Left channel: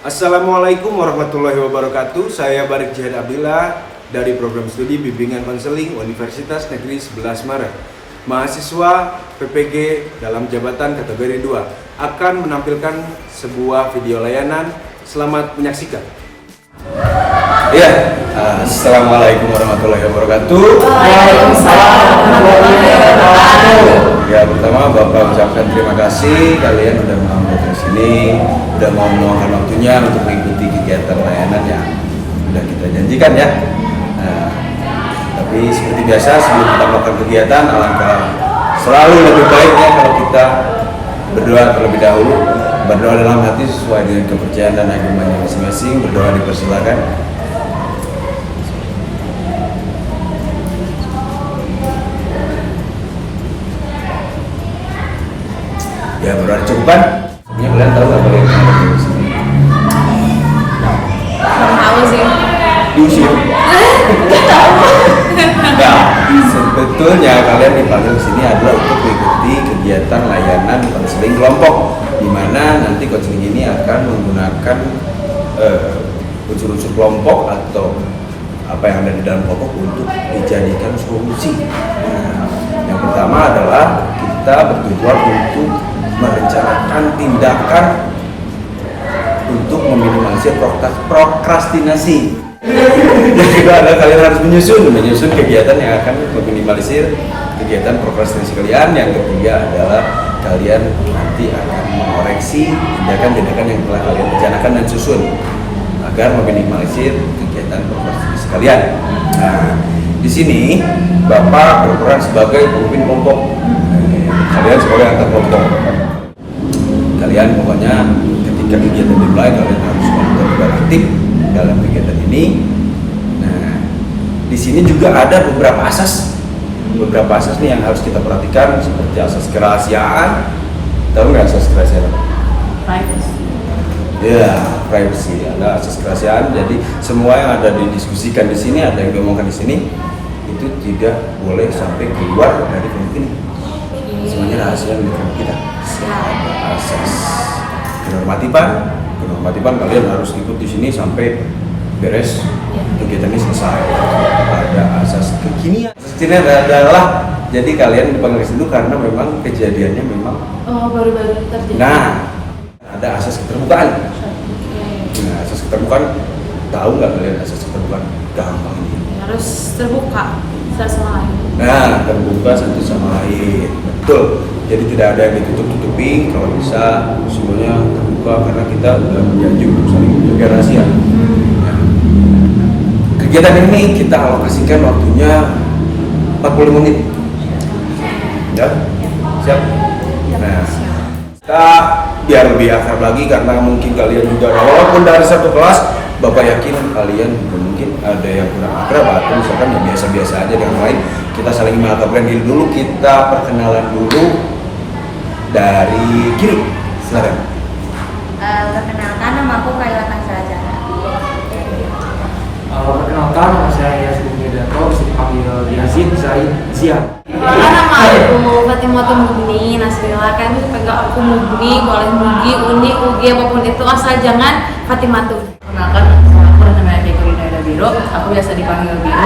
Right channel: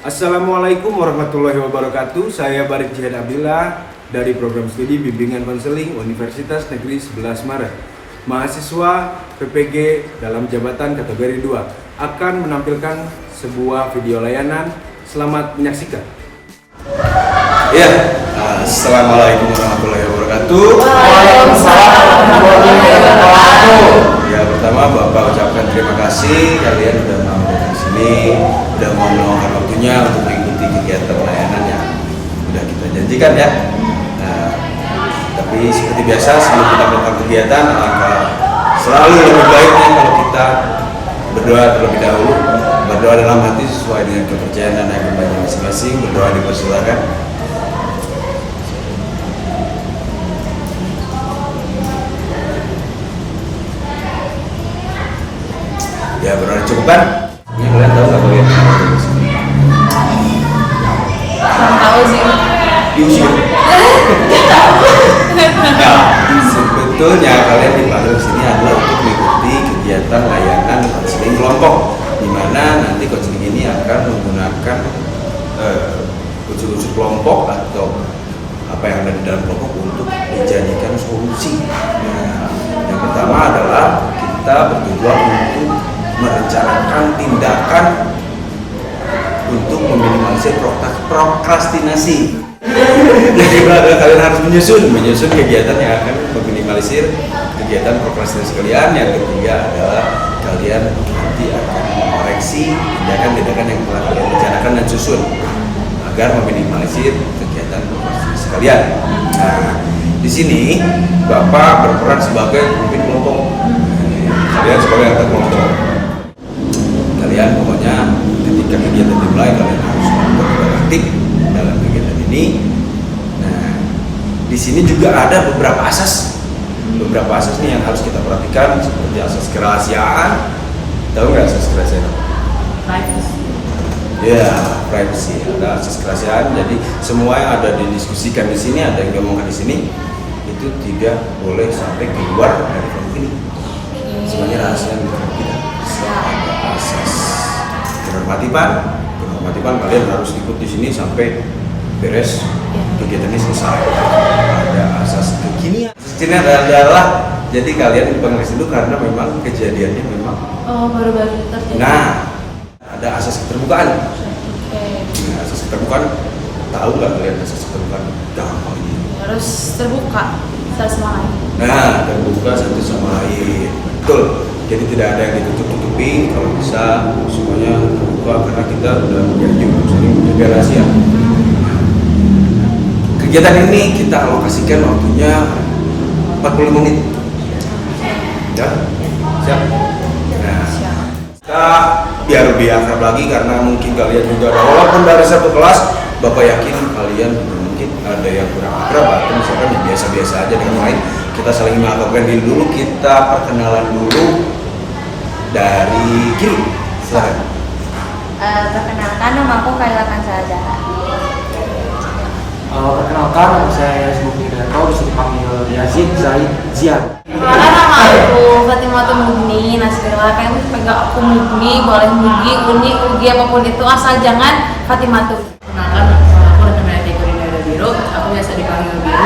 Assalamualaikum warahmatullahi wabarakatuh. Saya Barik Jihad Abdillah dari program studi bimbingan konseling Universitas Negeri 11 Maret. Mahasiswa PPG dalam jabatan kategori 2 akan menampilkan sebuah video layanan. Selamat menyaksikan. Iya, Assalamualaikum warahmatullahi wabarakatuh. Waalaikumsalam warahmatullahi wabarakatuh. Ya, pertama Bapak ucapkan terima kasih kalian udah mau datang sini, udah mau meluangkan waktunya untuk mengikuti kegiatan layanan yang udah kita janjikan ya. Tapi seperti biasa sebelum kita melakukan kegiatan, alangkah selalu lebih baiknya kalau kita berdoa terlebih dahulu. Berdoa dalam hati sesuai dengan kepercayaan dan agamanya masing-masing. Berdoa dipersilakan. Ya, berdoa dicukupkan. Ya, kalian tahu nggak kalian kenapa diusir? Belum tahu sih. Diusir. Nah, sebetulnya kalian dipanggil ke sini adalah untuk mengikuti kegiatan layanan konseling kelompok, di mana nanti konseling ini akan menggunakan unsur-unsur kelompok atau apa yang ada di dalam kelompok untuk dijadikan solusi. Yang pertama adalah kita bertujuan untuk merencanakan tindakan untuk meminimalisir prokrastinasi. Yang kedua adalah kalian harus menyusun kegiatan yang akan meminimalisir kegiatan prokrastinasi kalian. Yang ketiga adalah kalian nanti akan mengoreksi tindakan-tindakan yang telah kalian rencanakan dan susun agar meminimalisir kegiatan prokrastinasi kalian. Nah, di sini Bapak berperan sebagai pemimpin kelompok. Kalian sebagai anggota kelompok. Kalian pokoknya ketika kegiatan dimulai kalian harus melakukan aktif dalam kegiatan ini. Nah, di sini juga ada beberapa asas nih yang harus kita perhatikan, seperti asas kerahasiaan. Tahu nggak asas kerahasiaan? Privacy. Ya, privacy. Ada asas kerahasiaan. Jadi semua yang ada didiskusikan di sini, ada yang diomongkan di sini, itu tidak boleh sampai keluar dari kelompok ini. Semuanya rahasia di kelompok kita. Ada asas kenormatipan kalian harus ikut di sini sampai beres kegiatan ini selesai. Ada asas kekinian. Asas kekinian adalah jadi kalian dipanggil dulu karena memang kejadiannya memang baru-baru terjadi. Nah, ada asas keterbukaan. Nah, asas keterbukaan, tahu nggak kalian asas keterbukaan? Gampang ini. Harus terbuka satu sama lain. Nah, terbuka satu sama lain, betul. Jadi tidak ada yang ditutup-tutupi, kalau bisa semuanya terbuka karena kita sudah berjanji untuk saling menjaga rahasia. Nah, kegiatan ini kita alokasikan waktunya 45 menit. Ya, siap? Nah, kita biar lebih akrab lagi karena mungkin kalian juga ada, walaupun dari satu kelas, Bapak yakin kalian juga mungkin ada yang kurang akrab atau misalkan yang biasa-biasa aja dengan lain. Kita saling mengakrabkan diri dulu, kita perkenalan dulu dari kiri. Silakan. Perkenalkan, nama aku Kailakan Saza. Perkenalkan, nama saya Yasmin Yudianto, bisa dipanggil Yazid Zaid Zian. Perkenalkan, nama aku Fatimah Mugni Nasrilla. Kalian bisa panggil aku Mugni, boleh Mugi, Uni, Ugi, apapun itu, asal jangan Fatimah. Perkenalkan, aku dengan kategori Nada Biro. Aku biasa dipanggil Biro,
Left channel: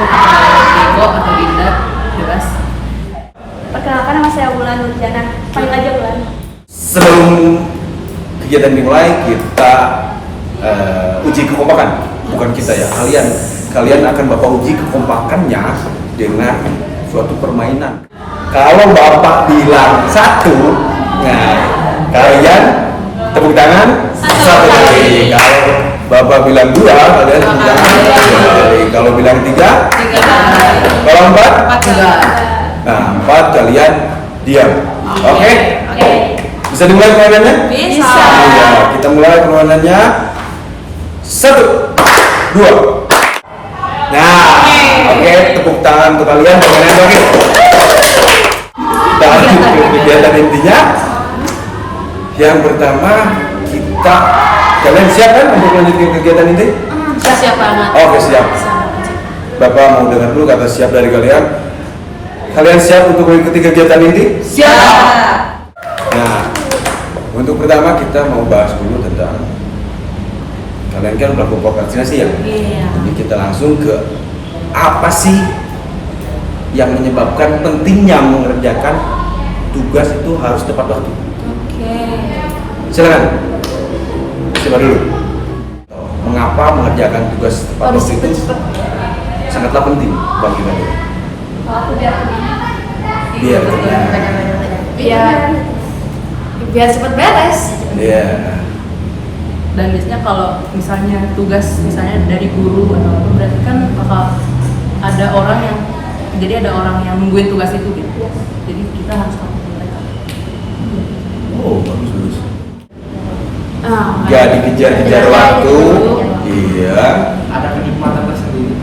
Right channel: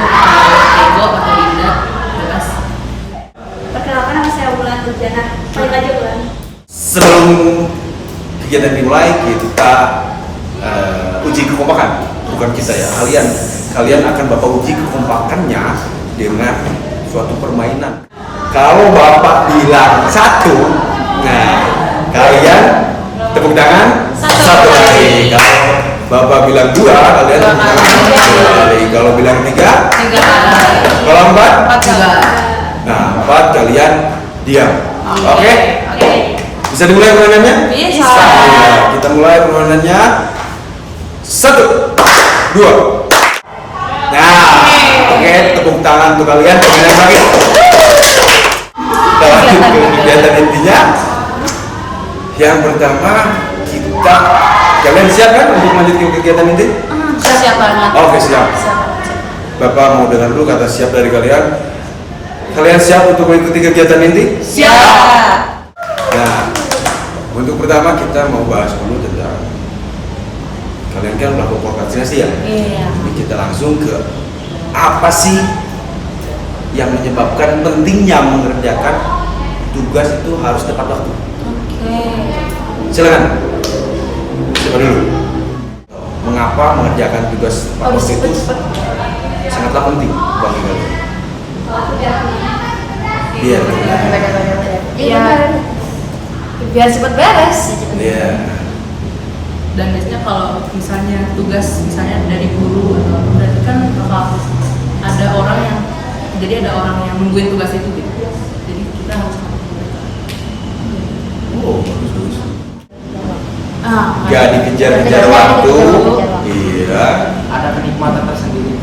Diego atau Dinda. Jelas. Perkenalkan, nama saya Wulan Nurjana. Panggil aja Wulan. Sebelum kegiatan dimulai, kita uji kekompakan. Bukan kita ya, kalian akan Bapak uji kekompakannya dengan suatu permainan. Kalau Bapak bilang 1, nah kalian tepuk tangan satu kali. Kalau Bapak bilang 2, kalian tepuk tangan 2 kali. Kalau bilang 3, kalau 4, nah 4 kalian diam. Oke? Bisa dimulai permainannya? Bisa. Ya, kita mulai permainannya. 1, 2. Nah, oke, tepuk tangan untuk kalian. Permainan lagi. Kita lanjut ke kegiatan intinya. Yang pertama, kalian siap kan untuk lanjut ke kegiatan inti? Siap banget. Oke, siap. Bapak mau dengar dulu kata siap dari kalian. Kalian siap untuk mengikuti kegiatan inti? Siap. Nah, untuk pertama kita mau bahas dulu tentang kalian kan melakukan prokrastinasi ya. Iya. Jadi kita langsung ke apa sih yang menyebabkan pentingnya mengerjakan tugas itu harus tepat waktu. Oke. Silakan. Siapa dulu? Mengapa mengerjakan tugas tepat Harus waktu itu cepet-cepet. sangatlah penting bagi kalian? Biar kalian. Iya. Biar cepet beres. Iya. Dan biasanya kalau misalnya tugas misalnya dari guru atau apa, berarti kan bakal ada orang yang jadi ada orang yang nungguin tugas itu gitu. Jadi kita harus Oh, bagus. Ah, Gak dikejar-kejar waktu. Iya. Ada kenikmatan tersendiri.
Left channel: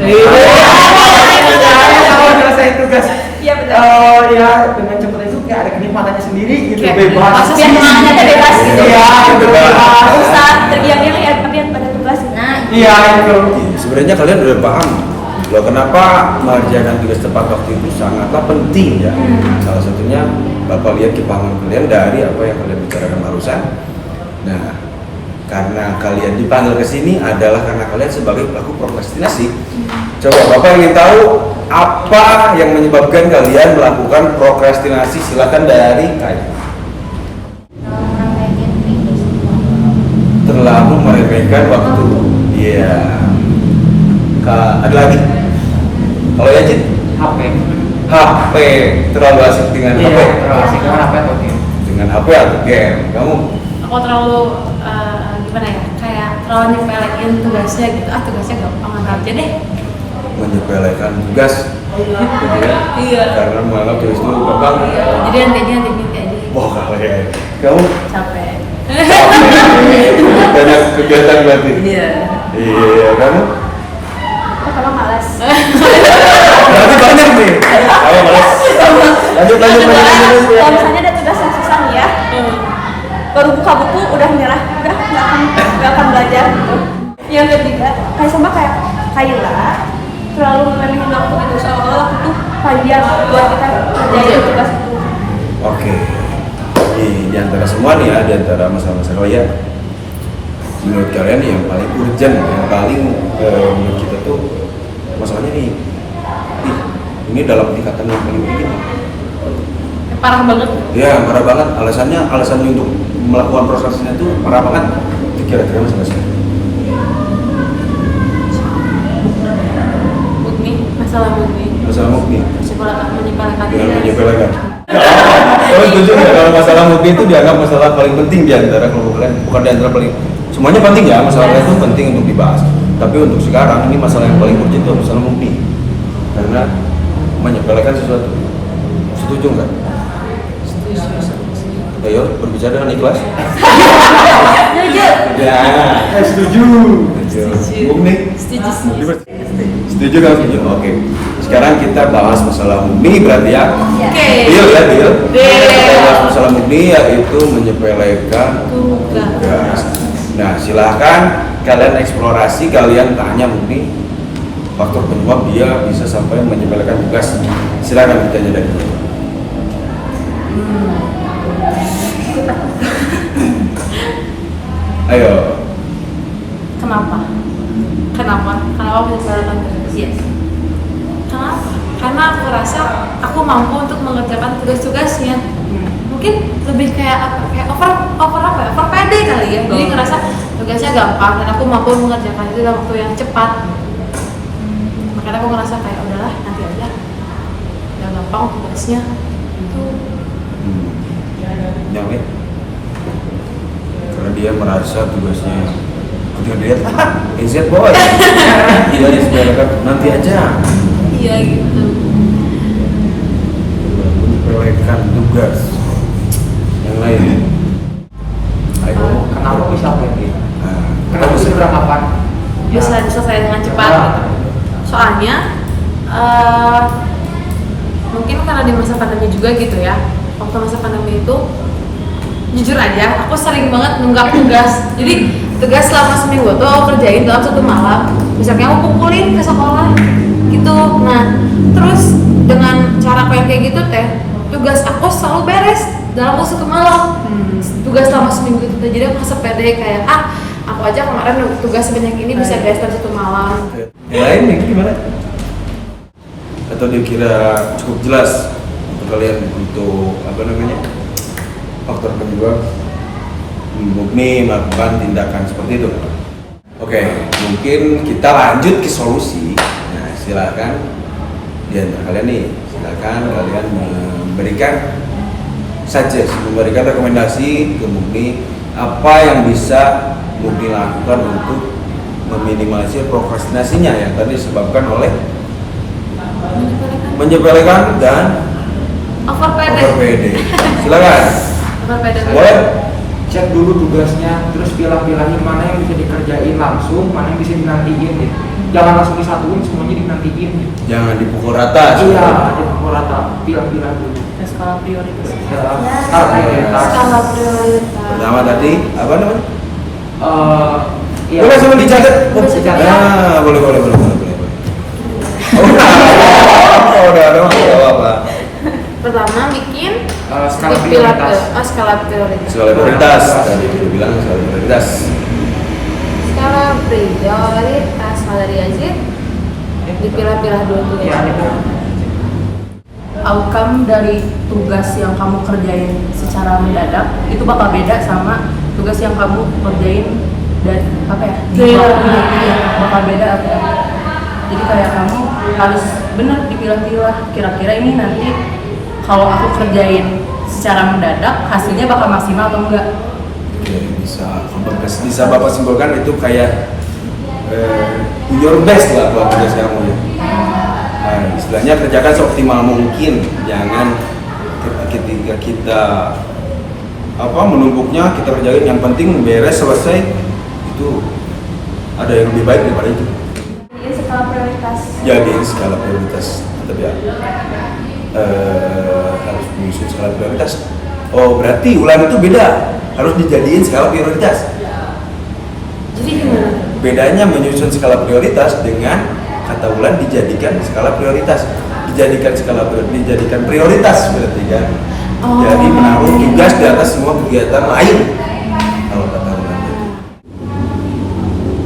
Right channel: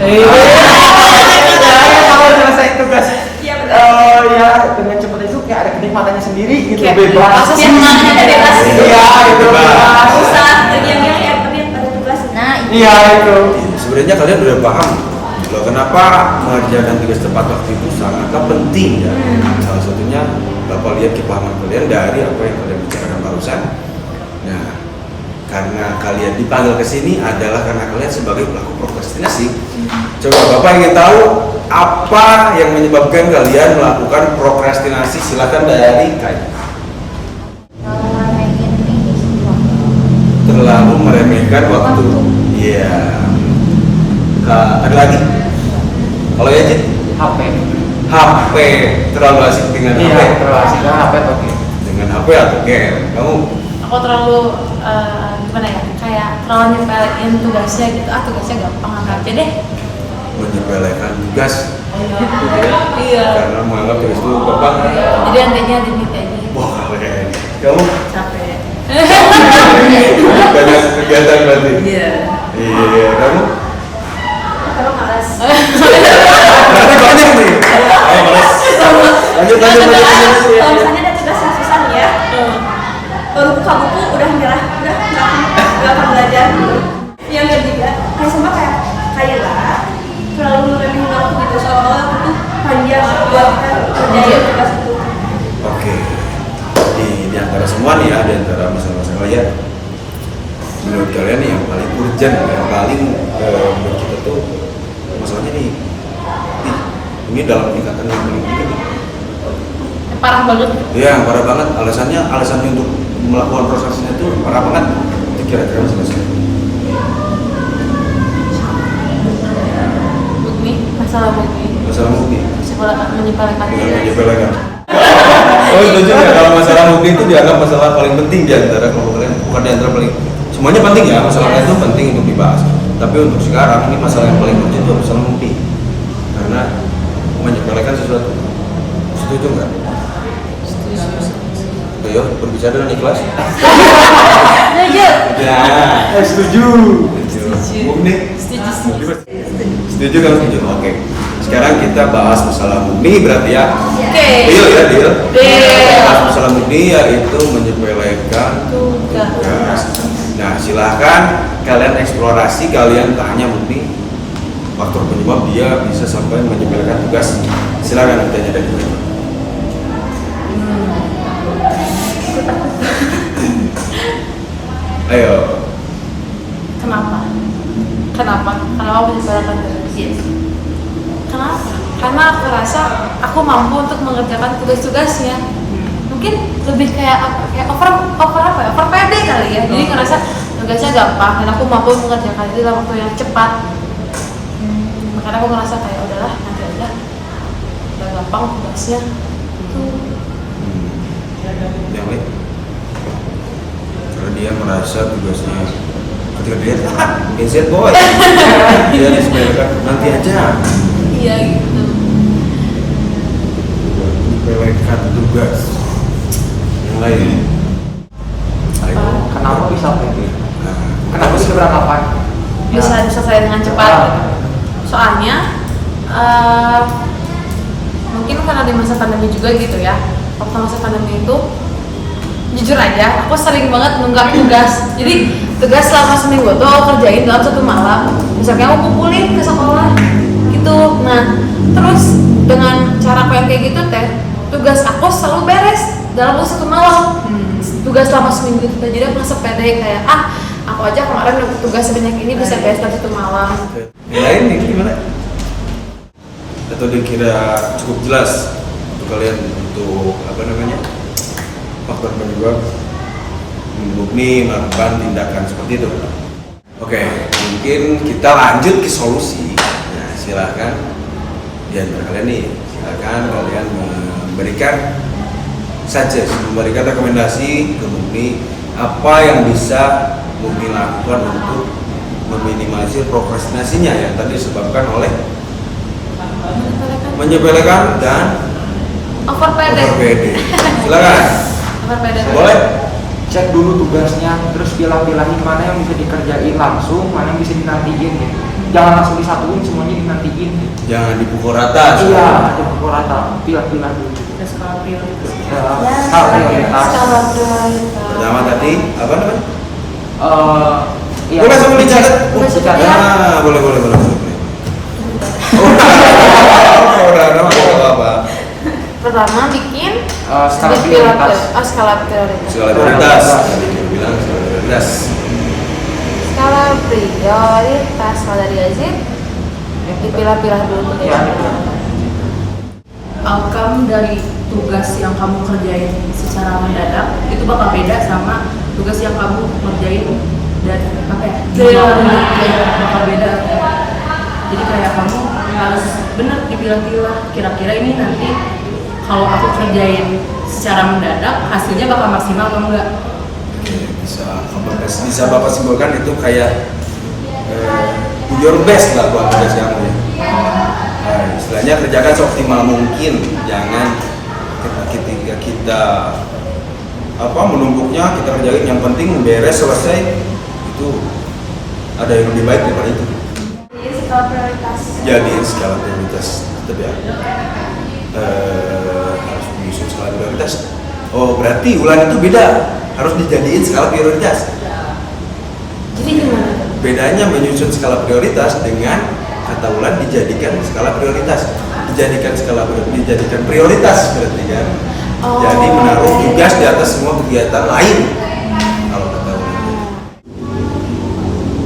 Kalau nyelesain tugas, Iya betul. ya dengan cepat itu kayak ada kenikmatannya sendiri gitu, Kayak bebas. masa Yang semuanya bebas. Iya, bebas. Susah. Jadi yang tapi yang pada tugasnya. Iya itu. Sebenarnya kalian udah paham loh kenapa mengerjakan tugas tepat waktu itu sangatlah penting ya. Salah satunya Bapak lihat kepahaman kalian dari apa yang kalian bicarakan barusan. Nah, karena kalian dipanggil ke sini adalah karena kalian sebagai pelaku prokrastinasi. Coba Bapak ingin tahu apa yang menyebabkan kalian melakukan prokrastinasi? Silakan dari Kai. Terlalu meremehkan waktu. Iya. Ada lagi? Kalau ya Jin? HP. Terlalu asik dengan HP. Iya, HP atau Dengan HP atau game? Kamu? aku terlalu gimana ya, kayak terlalu nyepelein tugasnya gitu. Tugasnya gampang aja deh. Menyepelekan tugas. Gitu ya? Iya. Karena menganggap tugas itu gampang. Jadi nantinya aja. Wah, keren. Kamu? capek. Banyak kegiatan berarti. Iya. Iya, kamu? Kalau males. Berarti banyak nih. Kamu malas. Lanjut. Kalau misalnya ada tugas yang susah nih ya, baru buka buku udah nyerah, udah nggak akan belajar. Yang lihat juga, kayak sama kayak Kayla, terlalu menerimkan waktu gitu seolah-olah waktu itu panjang buat kita kerjain tugas itu. Oke. Di antara semua nih ya, di antara masalah-masalah kalian, menurut kalian nih yang paling urgent, yang paling menurut kita tuh masalahnya nih, ini dalam tingkatan yang paling tinggi nih. Parah banget. Ya, parah banget. Alasannya untuk melakukan prosesnya tuh parah banget. Itu kira-kira masalah. Masalah bukti. Masalah mukti. Menyepelekan Dengan tugas. menyepelekan. Oh, setuju nggak kalau masalah mukti itu dianggap masalah paling penting di antara kelompok kalian? Bukan di antara paling, semuanya penting ya, masalahnya itu penting untuk dibahas. Tapi untuk sekarang ini masalah yang paling urgent itu masalah mukti. Karena menyepelekan sesuatu. Setuju nggak? Ayo berbicara dengan ikhlas. Ya, setuju. Mukni. Setuju. Setuju kan? Setuju. Oke. Sekarang kita bahas masalah mukni berarti ya. Oke. Deal ya, deal. Kita bahas Deal. masalah mukni yaitu menyepelekan tugas. Nah, silahkan kalian eksplorasi, kalian tanya mukni faktor penyebab dia bisa sampai menyepelekan tugas. Silakan ditanya dari dulu. Ayo. Kenapa menyepelekan tugas? Kenapa? Karena aku rasa aku mampu untuk mengerjakan tugas-tugasnya. Mungkin lebih kayak over pede kali ya. Jadi ngerasa tugasnya gampang dan aku mampu mengerjakan itu dalam waktu yang cepat. Makanya aku ngerasa kayak udahlah nanti aja. Udah gampang tugasnya. Itu. Yang lain? Karena dia merasa tugasnya ketika dia inset boy, dia disepelekan nanti aja. Iya gitu. Menyepelekan tugas. Yang lain? Ayo. Kenapa bisa begini? Nah, Kenapa bisa beranggapan? Bisa diselesaikan dengan cepat. Soalnya mungkin karena di masa pandemi juga gitu ya. Waktu masa pandemi itu jujur aja aku sering banget nunggak tugas. Jadi tugas selama seminggu tuh aku kerjain dalam satu malam. Misalnya aku kumpulin ke sekolah gitu. Nah terus dengan cara aku yang kayak gitu teh, tugas aku selalu beres dalam waktu satu malam. Tugas selama seminggu itu, jadi aku ngerasa pede kayak Aku aja kemarin tugas sebanyak ini bisa beres dalam 1 malam. Yang lain nih gimana? Atau dikira cukup jelas untuk kalian untuk apa namanya faktor penyebab murni melakukan tindakan seperti itu? Oke, mungkin kita lanjut ke solusi. Nah, silakan di antara kalian nih, silakan kalian memberikan rekomendasi ke Mugni apa yang bisa Mugni lakukan untuk meminimalisir prokrastinasinya yang tadi disebabkan oleh menyepelekan dan Over over pede. PD. Silakan. Over pede. Boleh? Cek dulu tugasnya, terus pilah-pilahin mana yang bisa dikerjain langsung, mana yang bisa dinantiin gitu. Jangan langsung disatuin, semuanya dinantiin. Jangan dipukul rata. Iya, pukul rata, pilah-pilah dulu. Skala prioritas. Skala prioritas. Skala prioritas. Pertama tadi apa namanya? Iya. Boleh sambil dicatat. Dicatat. Nah, boleh. Oh, udah ada mah enggak apa-apa. Pertama bikin Skala pilar prioritas. skala prioritas. Skala prioritas. Tadi dia bilang skala prioritas. Skala prioritas kalau dari Azid dipilah-pilah dulu tugasnya. Outcome dari tugas yang kamu kerjain secara mendadak itu bakal beda sama tugas yang kamu kerjain dari apa ya? Bakal beda. Jadi kayak kamu harus benar dipilah-pilah. Kira-kira ini nanti kalau aku kerjain secara mendadak hasilnya bakal maksimal atau enggak? Oke, bisa Bapak simpulkan itu kayak your best lah buat tugas kamu ya. Istilahnya kerjakan seoptimal mungkin, jangan ketika kita menumpuknya kita kerjain yang penting beres selesai itu ada yang lebih baik daripada itu. Jadi skala prioritas. Jadiin skala prioritas tetap ya. Harus menyusun skala prioritas. Oh berarti ulang itu beda, harus dijadiin skala prioritas. Jadi gimana? Bedanya menyusun skala prioritas dengan kata Wulan dijadikan skala prioritas, dijadikan prioritas berarti kan. Oh. Jadi menaruh tugas di atas semua kegiatan lain. Kalau kata Wulan gitu.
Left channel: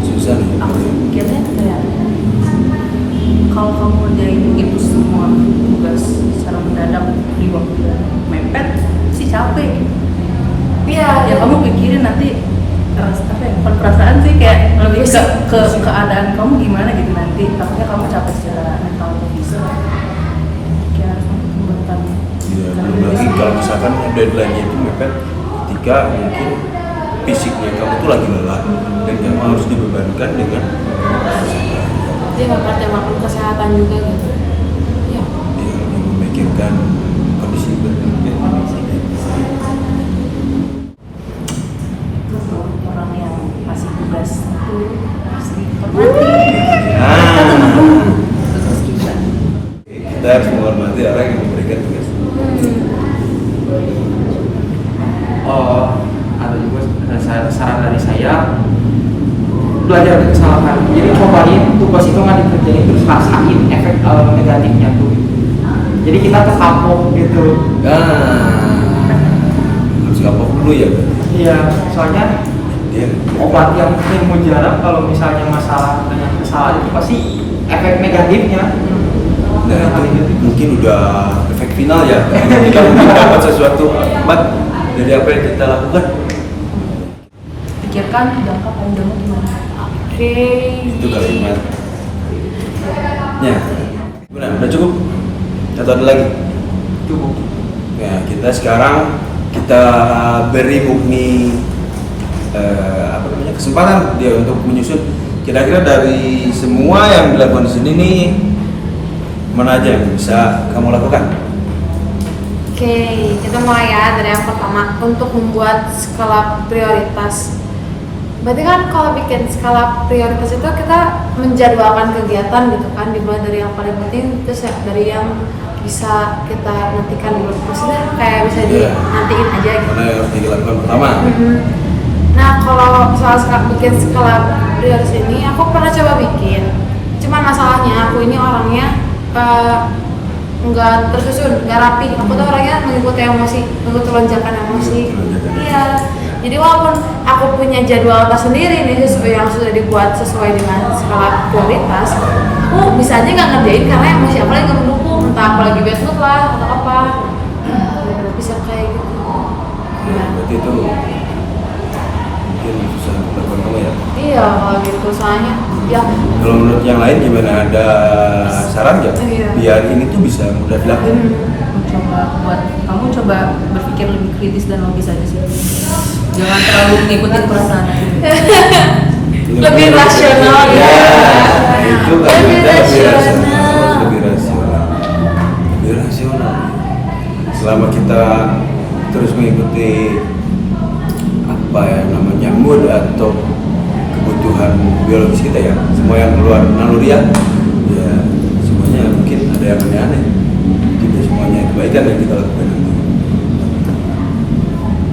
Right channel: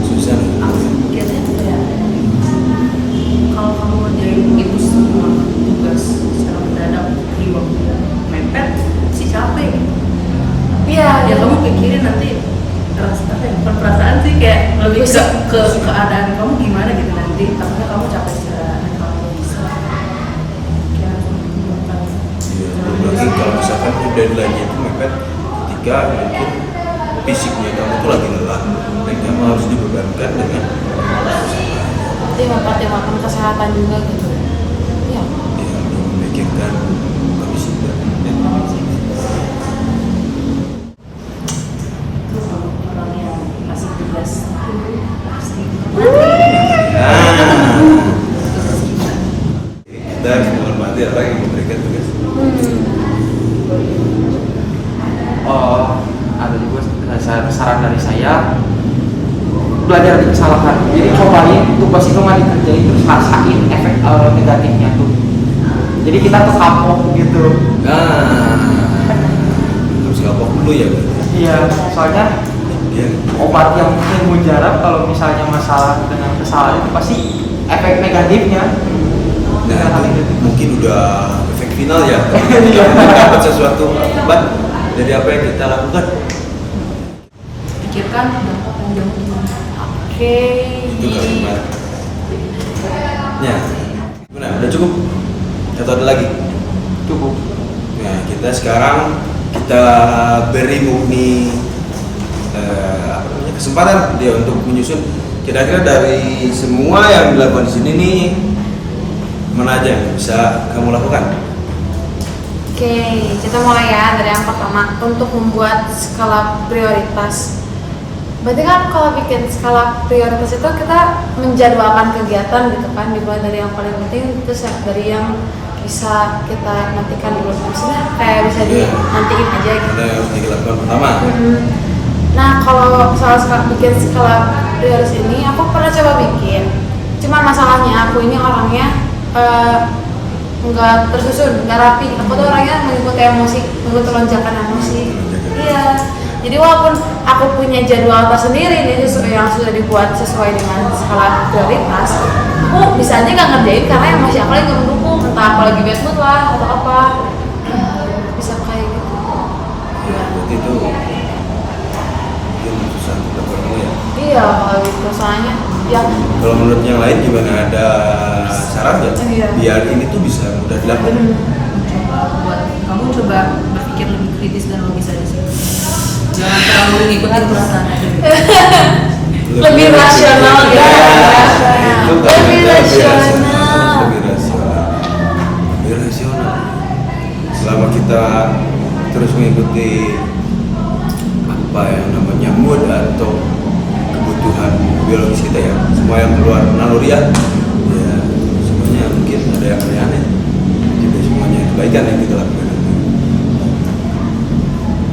Susah nih. Biasanya itu kayak kalau kamu ngerjain itu semua tugas secara mendadak di waktu mepet sih capek. Iya, Ya kamu pikirin nanti perasaan sih kayak lebih ke keadaan kamu gimana gitu nanti. Takutnya kamu capek secara mental bisa. Ya, bukan. Ya, belum lagi kalau misalkan deadline-nya itu mepet ketika mungkin fisiknya kamu tuh lagi lelah dan kamu harus dibebankan dengan Jadi makan kesehatan juga gitu. Iya. ya, lebih memikirkan kondisi badan. Orang yang ngasih tugas Kita harus menghormati orang yang memberikan tugas. Ada juga saran dari saya, belajar dari kesalahan. Jadi cobain tugas itu nggak dikerjain terus rasain efek negatifnya tuh. Jadi kita terkapok gitu. Harus kapok dulu ya berarti. Iya, soalnya Dia obat yang mujarab kalau misalnya masalah dengan kesalahan itu pasti efek negatifnya. nah itu mungkin udah efek final ya. Ketika kita mungkin dapat sesuatu akibat dari apa yang kita lakukan. pikirkan dampak panjangnya gimana. Oke. Itu kalimat. Ya, gimana? Udah cukup? Atau ada lagi? Cukup. Nah, kita sekarang kita beri Mugni kesempatan dia untuk menyusun kira-kira dari semua yang dilakukan di sini nih mana aja yang bisa kamu lakukan? Oke, kita mulai ya dari yang pertama untuk membuat skala prioritas. Berarti kan kalau bikin skala prioritas itu kita menjadwalkan kegiatan gitu kan, dimulai dari yang paling penting terus dari yang bisa kita nantikan dulu. Maksudnya kayak bisa dinantiin aja gitu. Mana yang harus dilakukan pertama? Nah kalau soal bikin skala prioritas ini aku pernah coba bikin. Cuman masalahnya aku ini orangnya nggak tersusun, nggak rapi. Aku tuh orangnya mengikuti emosi, mengikuti lonjakan emosi. Iya. Jadi walaupun aku punya jadwal tersendiri nih yang sudah dibuat sesuai dengan skala prioritas, aku bisa aja nggak ngerjain karena yang masih apa lagi nggak mendukung, entah aku lagi bad mood lah atau apa, bisa kayak gitu. Ya, berarti itu mungkin susah untuk dilakukan kamu ya. Iya kalau gitu soalnya ya Kalau menurut yang lain gimana, ada saran nggak Iya. biar ini tuh bisa mudah dilakukan? Coba buat kamu coba berpikir lebih kritis dan logis aja sih. Jangan terlalu ngikutin perasaan aja. lebih rasional gitu. Ya, itu kan Lebih kita lebih rasional. rasional, harus lebih rasional. Lebih rasional. Selama kita terus mengikuti apa yang namanya mood atau kebutuhan biologis kita ya, semua yang keluar naluriah, ya semuanya mungkin ada yang aneh-aneh. Tidak semuanya kebaikan yang kita lakukan nanti.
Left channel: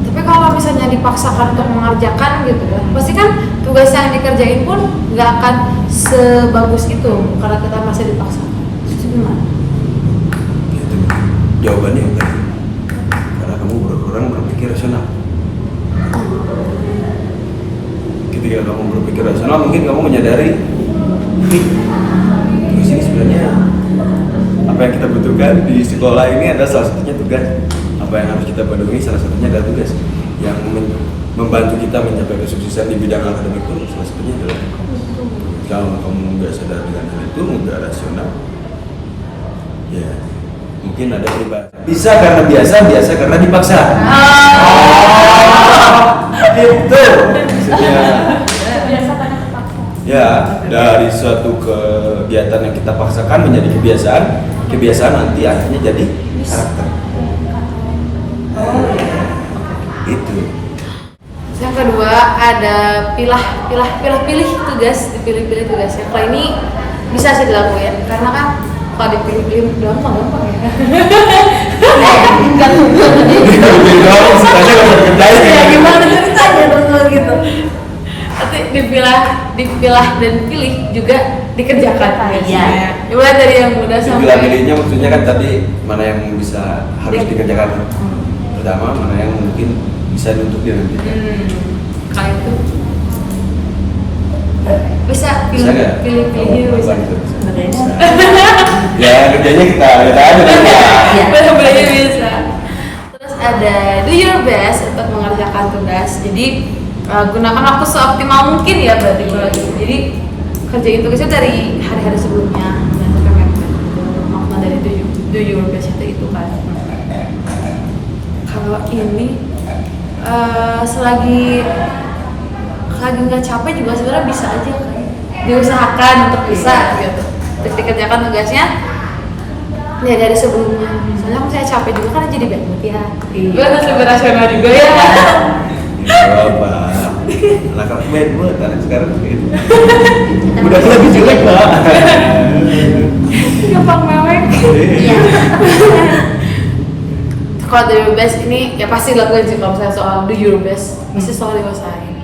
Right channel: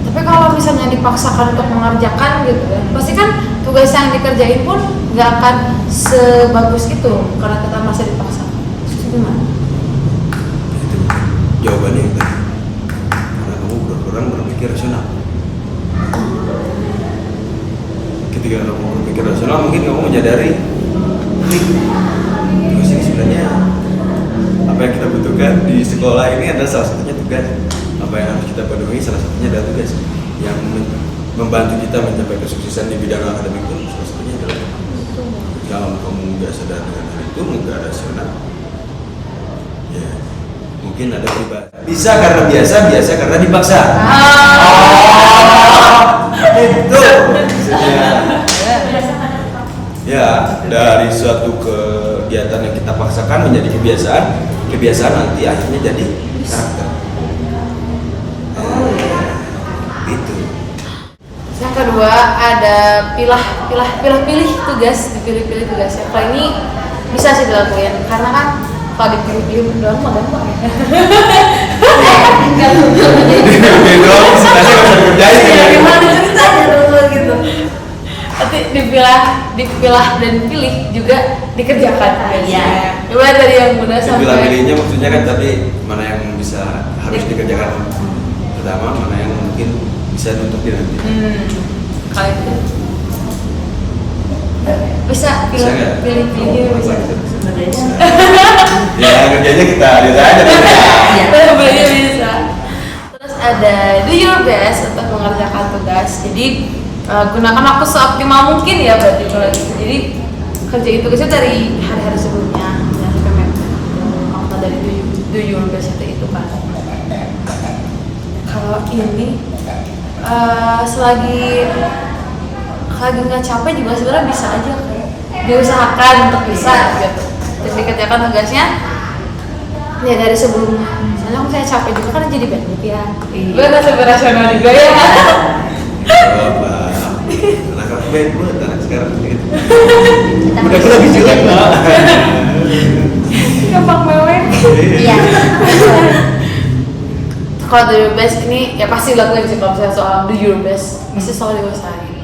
Tapi kalau misalnya dipaksakan untuk mengerjakan gitu kan, pasti kan tugas yang dikerjain pun nggak akan sebagus itu karena kita masih dipaksakan. Itu gimana? Ya, itu mungkin jawabannya yang tadi. Karena kamu kurang berpikir rasional. Ketika kamu berpikir rasional, mungkin kamu menyadari, nih, tugas ini sebenarnya apa yang kita butuhkan di sekolah ini adalah salah satunya tugas. Apa yang harus kita penuhi salah satunya adalah tugas yang membantu kita mencapai kesuksesan di bidang akademik pun salah satunya adalah kalau kamu nggak sadar dengan hal itu, nggak rasional, ya mungkin ada pribadi. Bisa karena biasa, biasa karena dipaksa. Itu maksudnya. Ya, dari suatu kegiatan yang kita paksakan menjadi kebiasaan, kebiasaan nanti akhirnya jadi karakter. Itu. Yang kedua ada pilih tugas, dipilih-pilih tugasnya. Kalau ini bisa sih dilakuin karena kan kalau dipilih-pilih doang mah gampang ya. Ya gimana ceritanya teman gitu. Nanti dipilah dan pilih juga dikerjakan tugasnya. Coba dari yang mudah sampai Pilih-pilihnya maksudnya kan tadi mana yang bisa harus dikerjakan pertama, mana yang mungkin bisa nuntut dia nanti. Kalau itu bisa Bisa nggak? pilih-pilihnya Apa bisa. gitu, bisa. Ya kerjanya kita lihat aja bisa. Pilih-pilihnya bisa. Terus ada do your best untuk mengerjakan tugas. Jadi gunakan waktu seoptimal mungkin ya berarti kalau gitu. Jadi kerjain tugasnya dari hari-hari sebelumnya. Jangan sampai mepet gitu. Makna dari do your best itu kan. Kalau ini selagi nggak capek juga sebenarnya bisa aja kan diusahakan untuk bisa gitu terus dikerjakan tugasnya ya dari sebelumnya. Soalnya kalau saya capek juga kan jadi bad mood ya. Gue harus lebih rasional juga ya. Apa? Anak-anak main buat anak sekarang gitu. Udah lebih jelek pak. Gampang mewek. Iya. Kalau do your best ini ya pasti lakuin sih kalau misalnya soal do your best pasti selalu diusahain.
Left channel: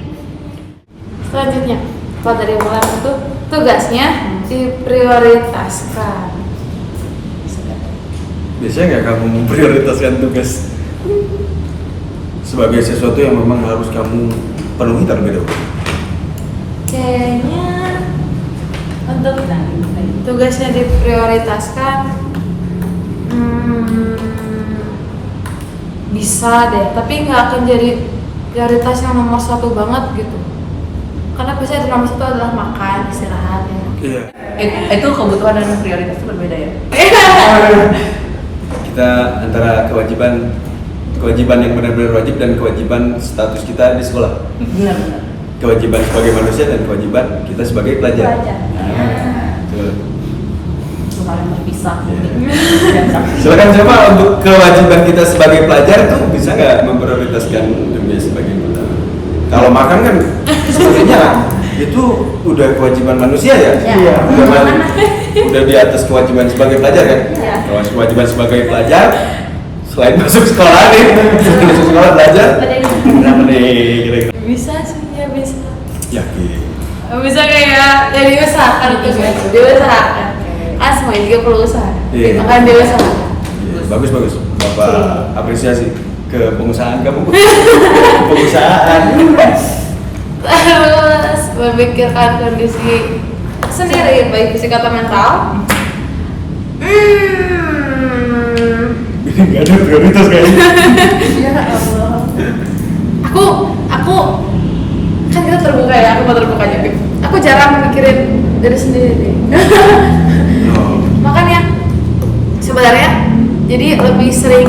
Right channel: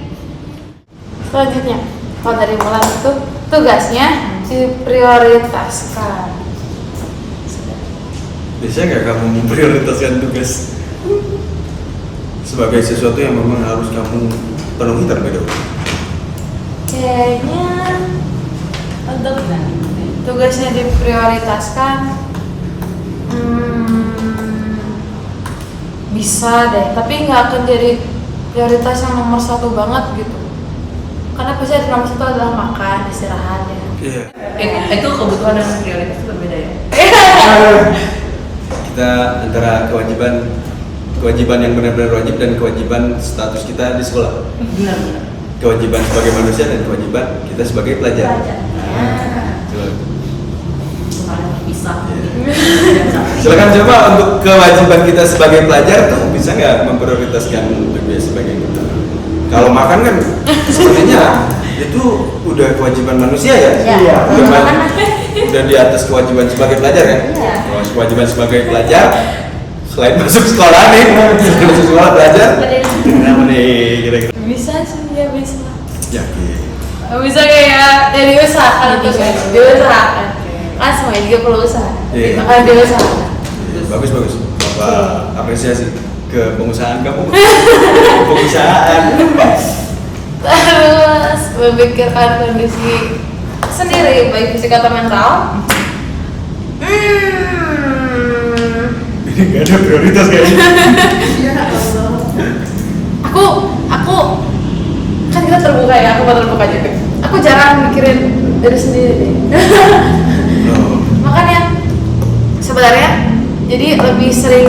Selanjutnya kalau dari bulan itu tugasnya diprioritaskan. Bisa nggak kamu memprioritaskan tugas sebagai sesuatu yang memang harus kamu penuhi terlebih dahulu? Kayaknya untuk tugasnya diprioritaskan bisa deh, tapi nggak akan jadi prioritas yang nomor satu banget gitu. Karena pasti ada nomor satu adalah makan, istirahat ya. Iya. Itu kebutuhan dan prioritas itu berbeda ya. Kita antara kewajiban yang benar-benar wajib dan kewajiban status kita di sekolah. Benar. Kewajiban sebagai manusia dan kewajiban kita sebagai pelajar. Coba. Itu hal yang terpisah. Iya. Silakan coba untuk kewajiban kita sebagai pelajar tuh bisa nggak memprioritaskan tugas sebagai kita. Kalau makan kan sepertinya itu udah kewajiban manusia ya. Iya. Udah di atas kewajiban sebagai pelajar kan. Kalau kewajiban sebagai pelajar selain masuk sekolah nih, masuk sekolah belajar. Kenapa nih kira-kira? Bisa sih ya bisa. Yakin. Bisa kayak ya diusahakan untuk diusahakan. Kan semuanya juga perlu usaha. Iya. Makanya diusahakan. Iya, bagus. Bapak apresiasi. ke pengusahaan kamu. Pengusahaan. Terus memikirkan kondisi sendiri baik fisik atau mental. Ini nggak ada prioritas kayaknya. Aku kan kita terbuka ya, aku mau terbuka juga. Aku jarang mikirin diri sendiri. Oh. Makanya sebenarnya jadi lebih sering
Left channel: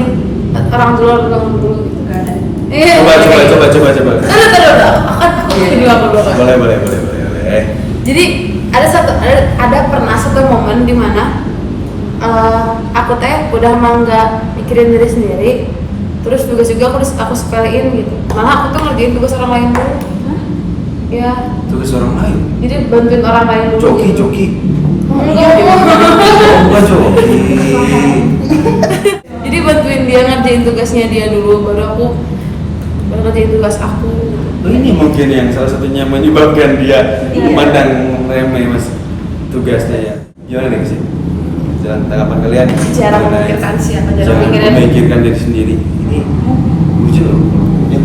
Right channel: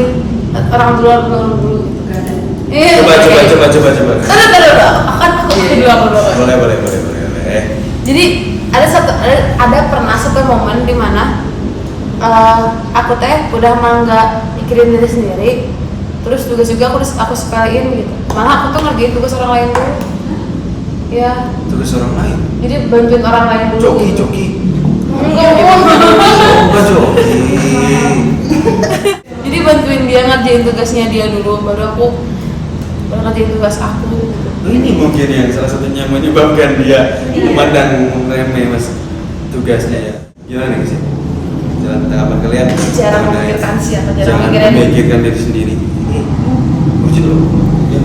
orang dulu gitu kan. Iya. Coba. Taruh. Aku dulu. Boleh. Jadi ada pernah satu momen di mana aku teh udah mah nggak mikirin diri sendiri, terus tugas juga aku sepelein gitu. Malah aku tuh ngerjain tugas orang lain dulu. Ya. Tugas orang lain. Jadi bantuin orang lain dulu. Joki. Enggak. Joki. Jadi bantuin dia ngerjain tugasnya dia dulu, baru ngerjain tugas aku. Gitu. Oh, ini mungkin yang salah satunya menyebabkan dia memandang remeh mas tugasnya ya. Gimana nih sih? Jalan tanggapan kalian? Jarang mengenai- memikirkan siapa, Jangan memikirkan diri sendiri. Ini lucu loh. Ya.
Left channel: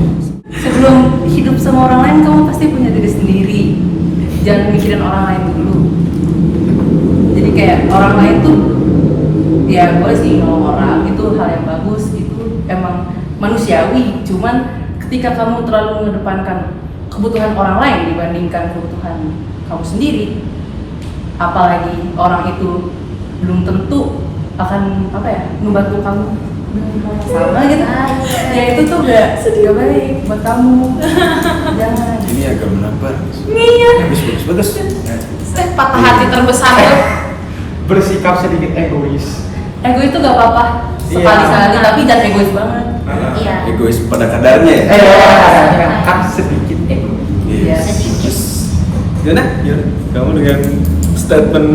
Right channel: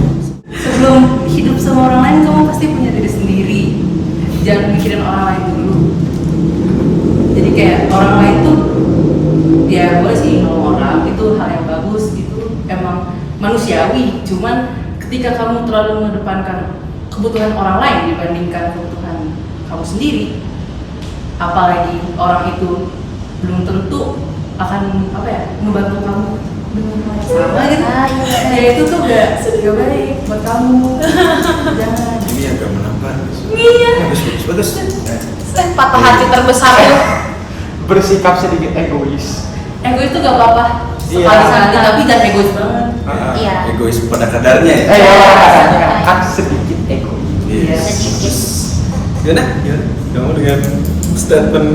Sebelum hidup sama orang lain, kamu pasti punya diri sendiri. Jangan mikirin orang lain dulu. Jadi kayak orang lain tuh, ya boleh sih ngomong orang, itu hal yang bagus, itu emang manusiawi. Cuman ketika kamu terlalu mengedepankan kebutuhan orang lain dibandingkan kebutuhan kamu sendiri, apalagi orang itu belum tentu akan membantu kamu dengan hal sama gitu. Ya itu tuh gak baik buat kamu. Jangan. Ini agak menampar. Iya. Bagus. Patah hati terbesar tuh. Bersikap sedikit egois. Ego itu gak apa-apa sekali-sekali, tapi jangan egois banget. Iya. Egois pada kadarnya ya. Kan sedikit egois. Yes. Bagus. Gimana? Kamu dengan statement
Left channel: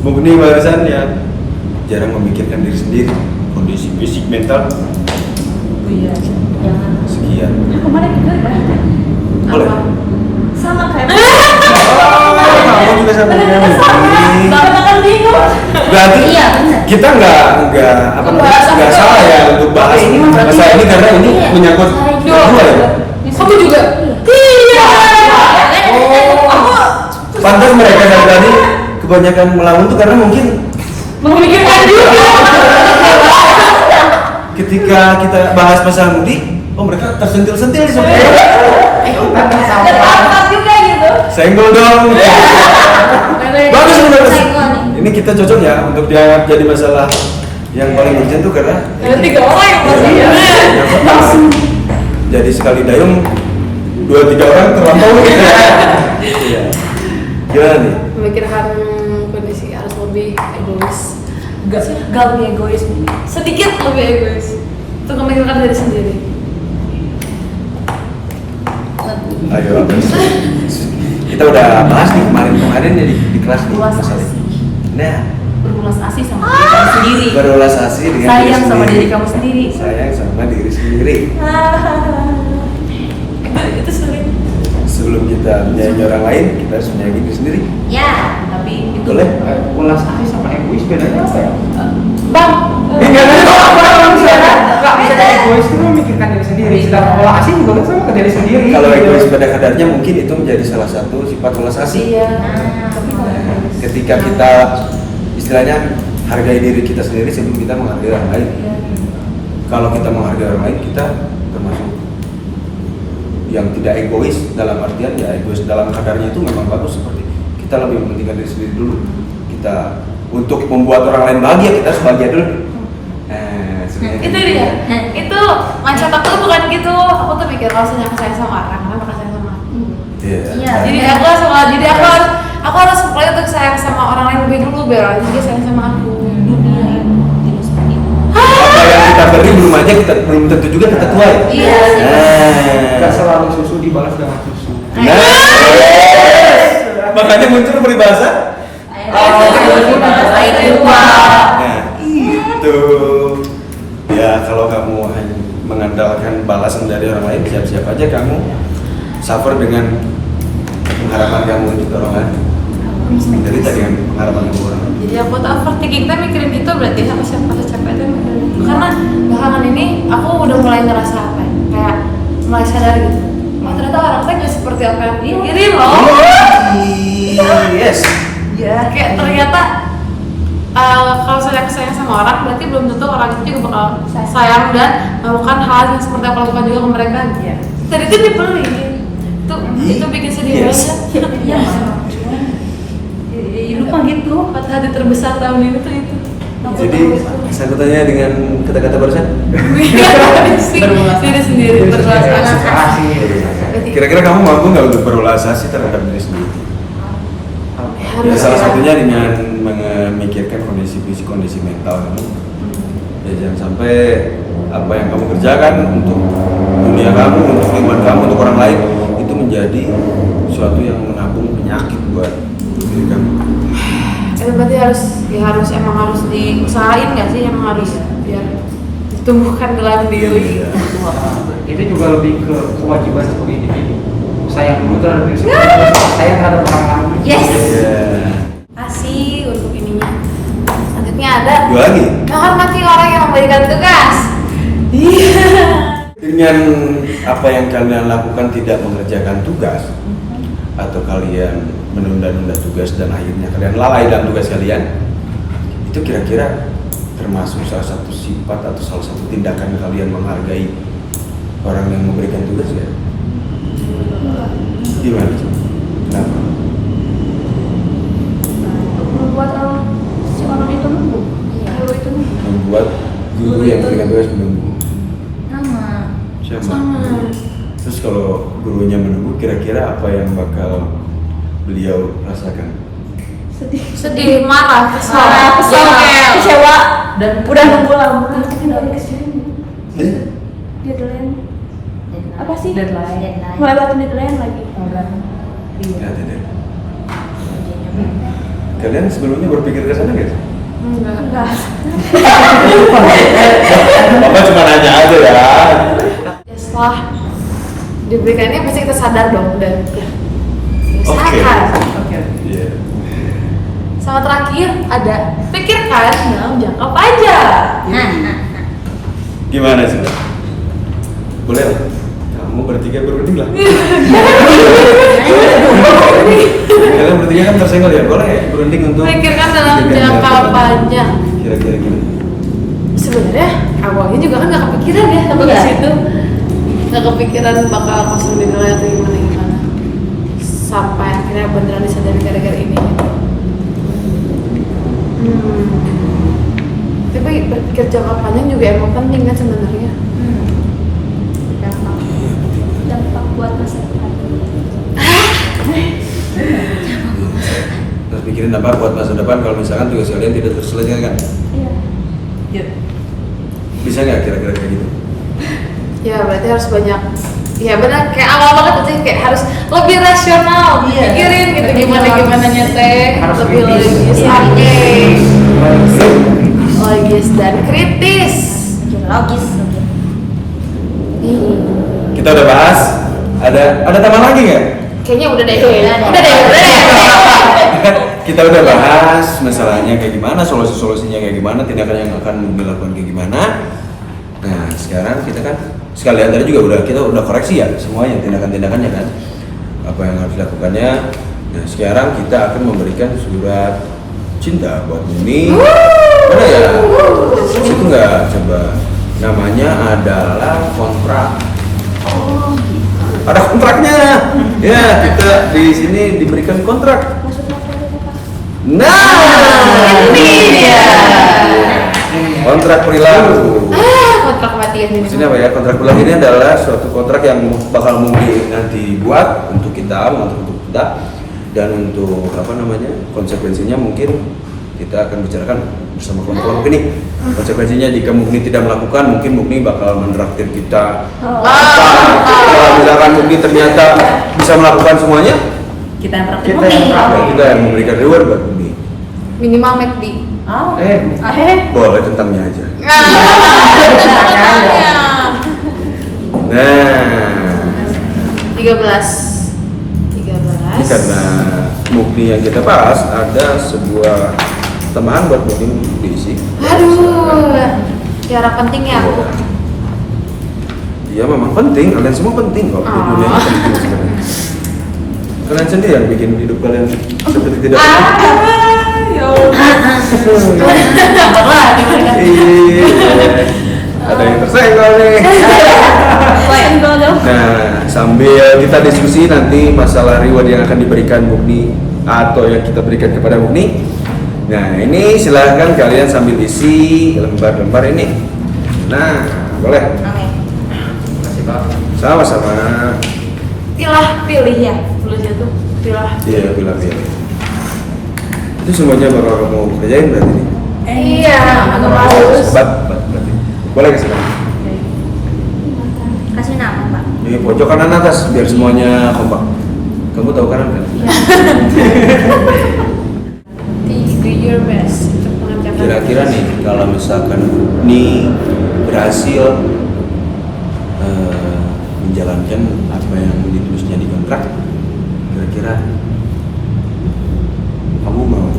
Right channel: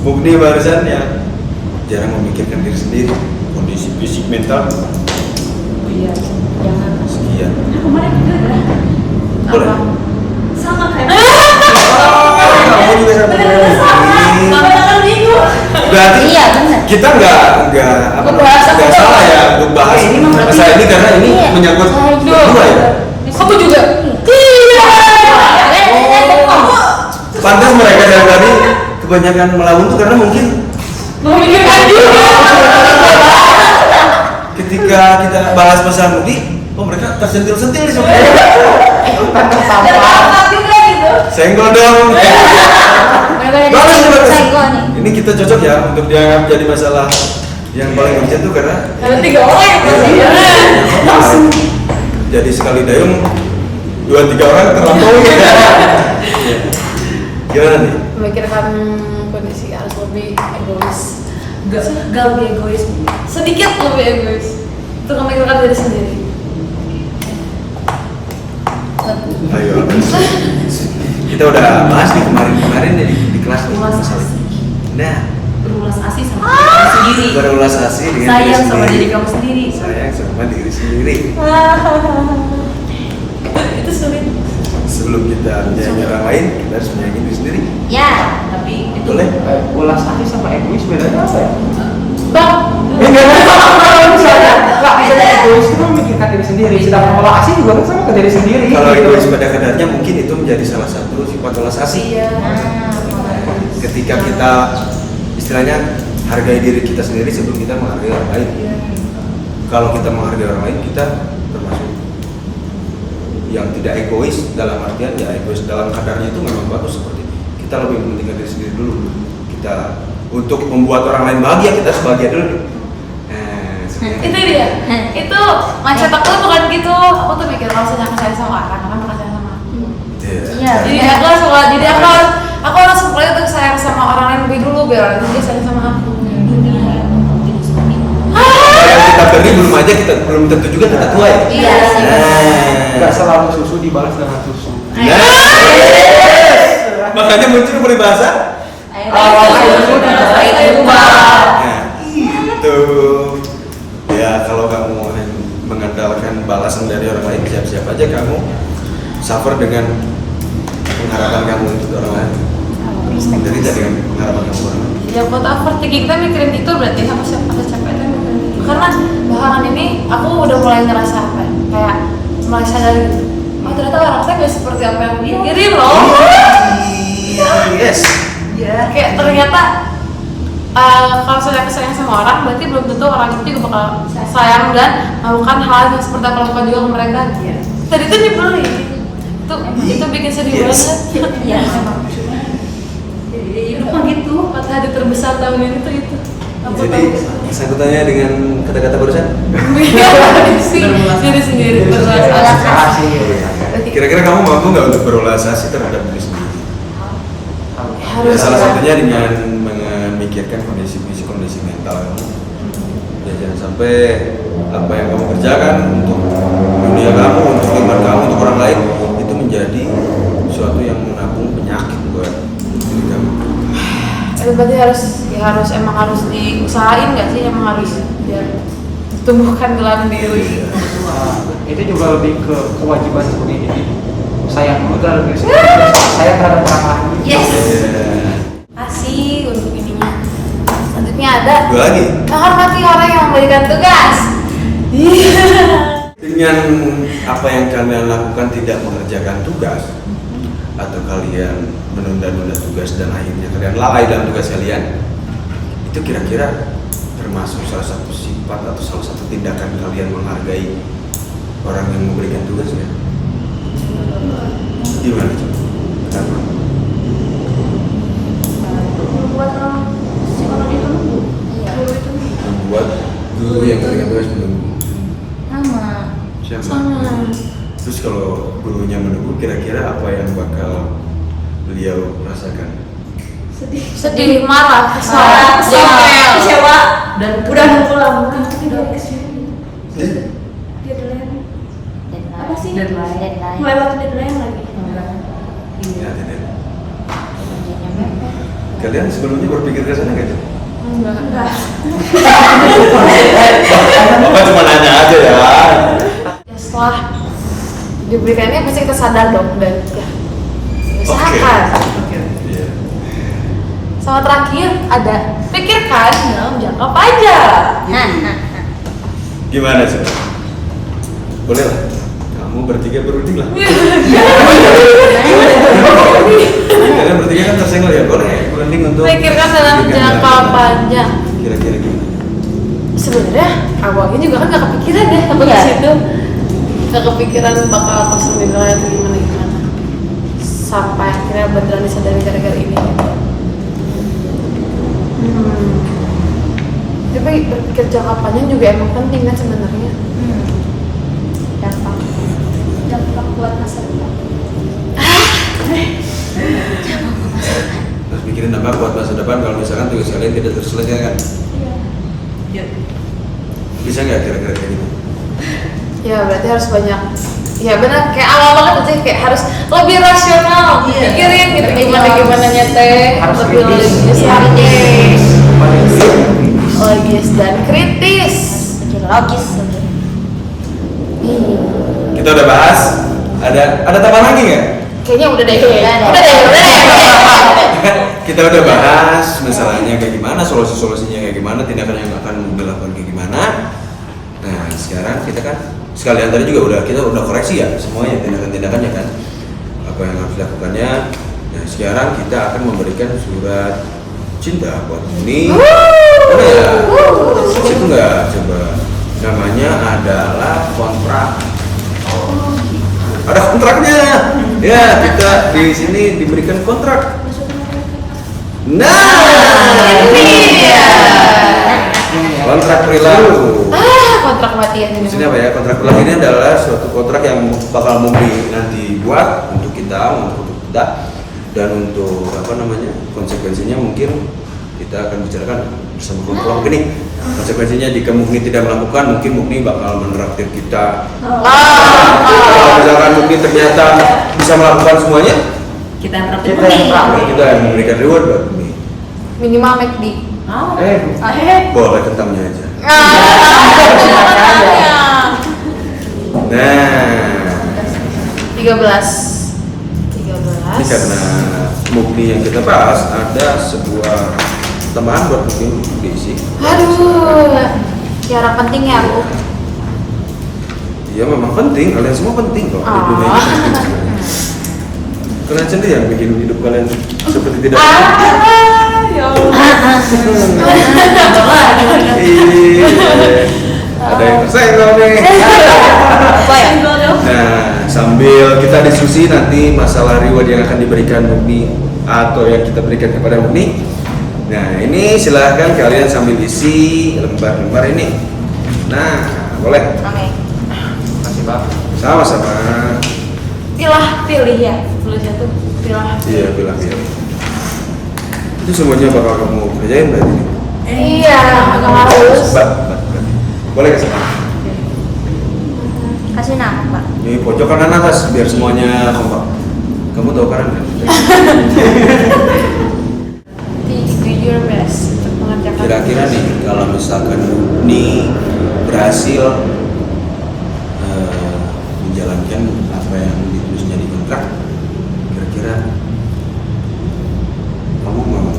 Mugni barusan ya jarang memikirkan diri sendiri, kondisi fisik mental Iya. sekian. Kemarin juga Boleh. sama kayak Kamu juga sama dengan Mugni. makan minggu. Berarti Iya, benar. kita nggak nggak salah ya untuk bahas masalah ini karena ini menyangkut berdua ya. Kamu juga? Iya. Pantas mereka dari tadi kebanyakan melamun tuh karena mungkin Memikirkan juga. ketika kita bahas masalah Mugni, oh mereka tersentil-sentil nih sama Ada apa juga gitu. senggol dong. Bagus nih bagus. Ini kita cocok ya untuk dianggap jadi masalah yang paling urgent tuh karena Ada 3 orang yang masalahnya. menyangkut tangan. Jadi sekali dayung 2-3 orang terlampaui. Iya. Gimana nih? Memikirkan kondisi harus lebih egois. Gak lebih egois. Sedikit lebih egois. Untuk memikirkan diri sendiri. Ayo. Kita udah bahas nih kemarin di kelas nih masalah. Nah, Berulas asih sama diri kamu sendiri. berulas asih dengan diri Sayang sama sendiri. diri kamu sendiri. Sayang sama diri sendiri. Itu sulit. Sebelum kita menyayangi orang lain, kita harus menyayangi diri sendiri. Ya. Tapi itu Boleh? Ulas asih sama egois bedanya apa ya? Bang, Misalnya egois itu memikirkan diri sendiri, sedangkan ulas asih juga kan sama ke diri sendiri. Kalau egois pada kadarnya mungkin itu menjadi salah satu sifat ulas asih. iya. Nah, ketika kita istilahnya hargai diri kita sendiri sebelum kita menghargai orang lain. Kalau kita menghargai orang lain, kita termasuk yang tidak egois dalam artian ya egois dalam kadarnya itu memang bagus, seperti kita lebih mementingkan diri sendiri dulu. Kita untuk membuat orang lain bahagia, kita harus bahagia dulu. Sebenarnya Itu dia. Itu mindset aku tuh bukan gitu. Aku tuh mikir kalau misalnya aku sayang sama orang bakal sayang sama aku. Iya. Iya. Jadi aku harus mulai untuk sayang sama orang lain lebih dulu biar orang lain juga sayang sama aku. Apa yang kita beri belum tentu juga kita tuai. Iya. Tidak selalu susu dibalas dengan susu. Nah, makanya muncul peribahasa. Nah, itu. Ya, kalau kamu mengandalkan balasan dari orang lain, siap-siap aja kamu suffer dengan pengharapan kamu untuk orang lain. Jadi tadi kan pengharapan kamu orang lain. Jadi aku tuh overthinking kita mikirin itu berarti apa capek itu mikirin itu. Karena belakangan ini aku udah mulai ngerasa apa ya, kayak mulai sadar gitu, oh ternyata orang saya gak seperti apa yang pikirin loh. Yes. Kayak ternyata kalau saya sayang sama orang, berarti belum tentu orang itu juga bakal sayang dan melakukan hal yang seperti aku lakukan juga ke mereka. Tadi itu dibeli, itu bikin sedih banget. Iya. Hidup mah gitu. Patah hati terbesar tahun ini tuh itu. Aku Jadi sangkutannya dengan kata-kata barusan. diri sendiri berulas asih. Kira-kira kamu mampu nggak untuk berulas asih terhadap diri sendiri? Ya, salah satunya dengan memikirkan kondisi fisik, kondisi mental kamu. Ya, jangan sampai apa yang kamu kerjakan untuk dunia kamu, untuk lingkungan kamu, untuk orang lain itu menjadi sesuatu yang menabung penyakit buat diri kamu. Itu berarti emang harus diusahain nggak sih, emang harus biar ditumbuhkan dalam diri. Itu juga lebih ke kewajiban seperti ini. Sayang terhadap diri sendiri, sayang terhadap orang lain. Yes. Yeah. Kasih untuk ininya. Selanjutnya ada Dua lagi. menghormati orang yang memberikan tugas. Iya. Dengan apa yang kalian lakukan tidak mengerjakan tugas atau kalian menunda-nunda tugas dan akhirnya kalian lalai dalam tugas kalian, itu kira-kira termasuk salah satu sifat atau salah satu tindakan kalian menghargai orang yang memberikan tugas ya? Gimana coba? Kenapa? Membuat si orang itu nunggu. Guru itu Membuat guru yang memberikan tugas menunggu. sama. Sama. Terus kalau gurunya menunggu, kira-kira apa yang bakal beliau rasakan? Sedih, marah, kesal, Kesel, jengkel. kecewa, Dan udah nunggu lama tapi nggak dikasih. Deadline apa sih? Deadline. Melewati deadline lagi. Lihatin deh. Kalian sebelumnya berpikir ke sana nggak? Enggak. Bapak cuma nanya aja ya. Ya, setelah diberikannya pasti kita sadar dong dan ya Oke. usahakan. Iya. Sama terakhir ada pikirkan dalam jangka panjang. Gimana sih? Boleh lah. Kamu bertiga berunding lah. Kalian bertiga kan tersenggol ya, boleh berunding untuk Pikirkan dalam jangka panjang. Kira-kira gimana? Sebenarnya awalnya juga kan nggak kepikiran ya takut ke situ, nggak kepikiran bakal kosong di wilayah atau gimana. Sampai akhirnya beneran disadari gara-gara ini. Tapi berpikir jangka panjang juga emang penting kan sebenarnya. Dampak buat masa depan. Terus pikirin apa buat masa depan kalau misalkan tugas kalian tidak terselesaikan. Iya. Bisa nggak kira-kira kayak gitu? Ya berarti harus banyak. Ya benar, kayak awal banget sih, kayak harus lebih rasional, pikirin gitu gimana nyete, Harus lebih kritis. logis, logis dan kritis. Logis. Kita udah bahas. Ada tambahan lagi nggak? Kayaknya udah deh. Kita udah bahas masalahnya kayak gimana, solusi-solusinya kayak gimana, tindakan yang akan dilakukan kayak gimana. Nah sekarang kita kan sekalian tadi juga kita udah koreksi ya semuanya tindakan-tindakannya kan, apa yang harus dilakukannya. Nah sekarang kita akan memberikan surat cinta buat Muni. Mana ya? Situ nggak? Coba. Namanya adalah kontrak. Ada kontraknya. Ya kita di sini diberikan kontrak. Nah, Ini ya. kontrak perilaku. Kontrak kematian ini. Maksudnya apa ya? Kontrak perilaku ini adalah suatu kontrak yang bakal Mumi nanti buat untuk kita, dan untuk apa namanya konsekuensinya mungkin kita akan bicarakan bersama kelompok ini. Konsekuensinya jika Mukni tidak melakukan, mungkin Mukni bakal menraktir kita. Kalau misalkan Mukni ternyata bisa melakukan semuanya, Kita yang praktik. ya kita yang memberikan reward buat Mukni. Minimal McD. Boleh kentangnya aja. Nah, 13. ini karena Mukni yang kita bahas ada sebuah teman buat Mukni untuk diisi. Aduh. Secara penting ya Bu. Iya memang penting, kalian semua penting kok. Di dunia ini penting sebenarnya. Kalian sendiri yang bikin hidup kalian seperti tidak penting. Ya Allah. Iya. Ada yang tersenggol nih. Senggol dong. Nah, sambil kita diskusi nanti masalah reward yang akan diberikan Mugni atau yang kita berikan kepada Mugni. Nah, ini silahkan kalian sambil isi lembar-lembar ini. Nah, boleh. Oke. Masih Pak. Sama-sama. Pilih ya. Belum jatuh. Pilah. Iya, pilih-pilih. Itu semuanya bakal kamu kerjain berarti nih. Iya, agak males. Hebat berarti. Boleh kasih nama. Kasih nama Pak. Ini pojok kanan atas biar semuanya kompak. Kamu tahu kanan kan? Do your best untuk mengerjakan. Kira-kira nih kalau misalkan ini berhasil menjalankan apa yang ditulisnya di kontrak, kira-kira kamu mau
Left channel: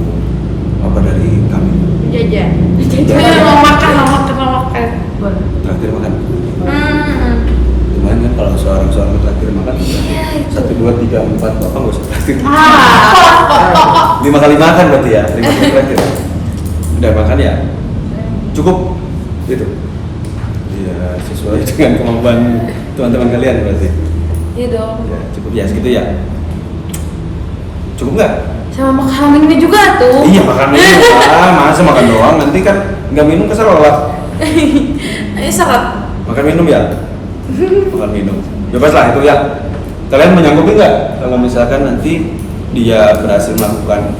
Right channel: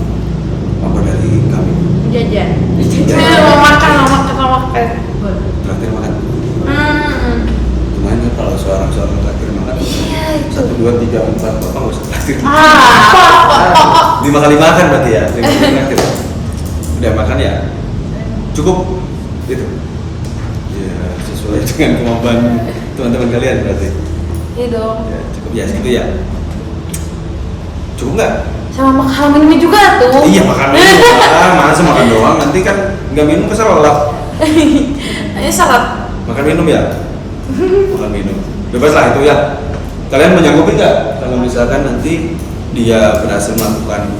apa dari kami? Jajan. Jajan. Mau makan. Traktir makan. Gimana kan kalau seorang traktir makan? 1, 2, 3, 4, bapak nggak usah traktir. 5 kali makan berarti ya, 5 kali traktir. Udah makan ya? Cukup gitu. Ya sesuai dengan kemampuan teman-teman kalian berarti. Iya dong. Ya cukup ya segitu ya. Cukup nggak? Sama makan minum juga tuh. Iya makan minum. Masa makan doang nanti kan nggak minum keserolat. Ini syarat. Makan minum ya? Makan minum. Bebas lah itu ya. Kalian menyanggupi nggak kalau misalkan nanti dia berhasil melakukan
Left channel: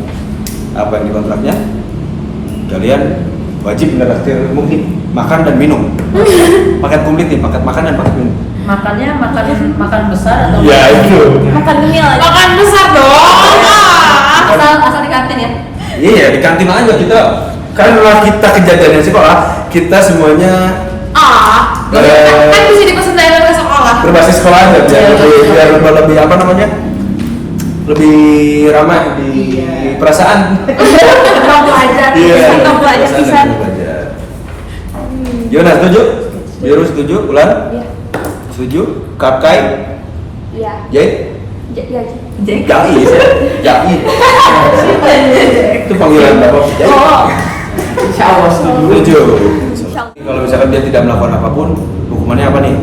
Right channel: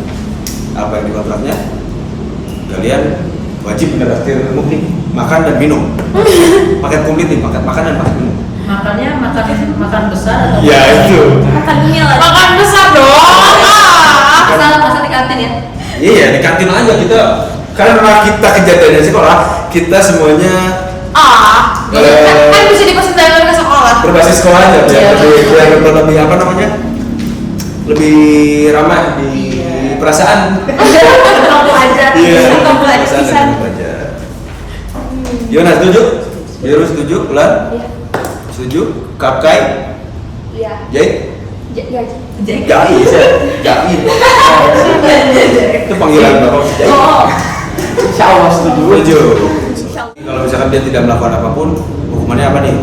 apa yang dikontraknya? Kalian wajib menraktir Mugni makan dan minum. Paket komplit nih, paket makan dan paket minum. Makannya makan besar atau Ya itu. Makan dunia lagi. Makan besar dong. Pasal di kantin ya? Iya di kantin aja kita. Karena kita kejadiannya di sekolah, kita semuanya Kan bisa dipesan dari luar ke sekolah. berbasis sekolah aja biar lebih apa namanya? Lebih ramah di perasaan. Iya, Suka belajar perasaan pisan. dan belajar. Gimana setuju? Biru setuju? Ulan? Iya. Setuju? Kapkai? Iya. Jahit? Iya. Jahit, jahit. Itu panggilan bapak jahit. Insya Allah setuju. Setuju. Kalau misalkan dia tidak melakukan apapun, hukumannya apa nih?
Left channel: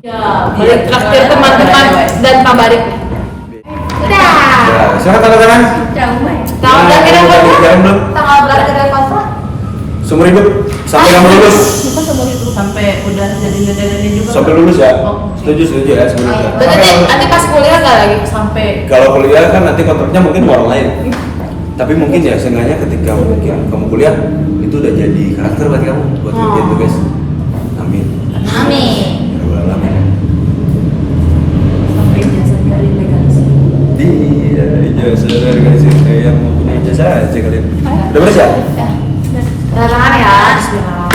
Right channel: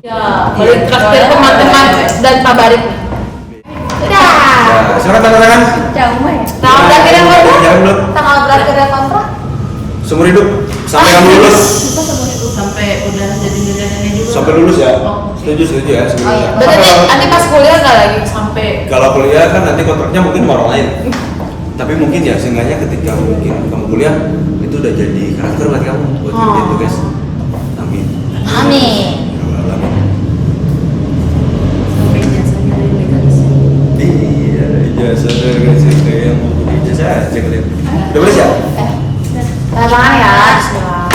Ya, balik traktir teman-teman dan Pak Barik. Udah. Ya, silakan tanda tangan. Tanggal berakhirnya kontrak? Jangan belum. Tanggal berakhirnya kontrak? Seumur hidup sampai kamu lulus. Sampai udah jadi juga. Sampai lulus ya. Oh. Setuju ya sebelum Oh, iya. Berarti nanti pas kuliah nggak lagi? Sampai Kalau kuliah kan nanti kontraknya mungkin sama orang lain. Tapi mungkin ya seenggaknya ketika mungkin kamu kuliah itu udah jadi karakter buat kamu buat kerjaan tuh guys. Amin. Amin. Ya Rabbal alamin. sampai jasa dari legalisir. Iya, ijazah dari guys kayak yang mau punya ijazah aja kalian. Udah beres ya? Tanda tangan ya, bismillah.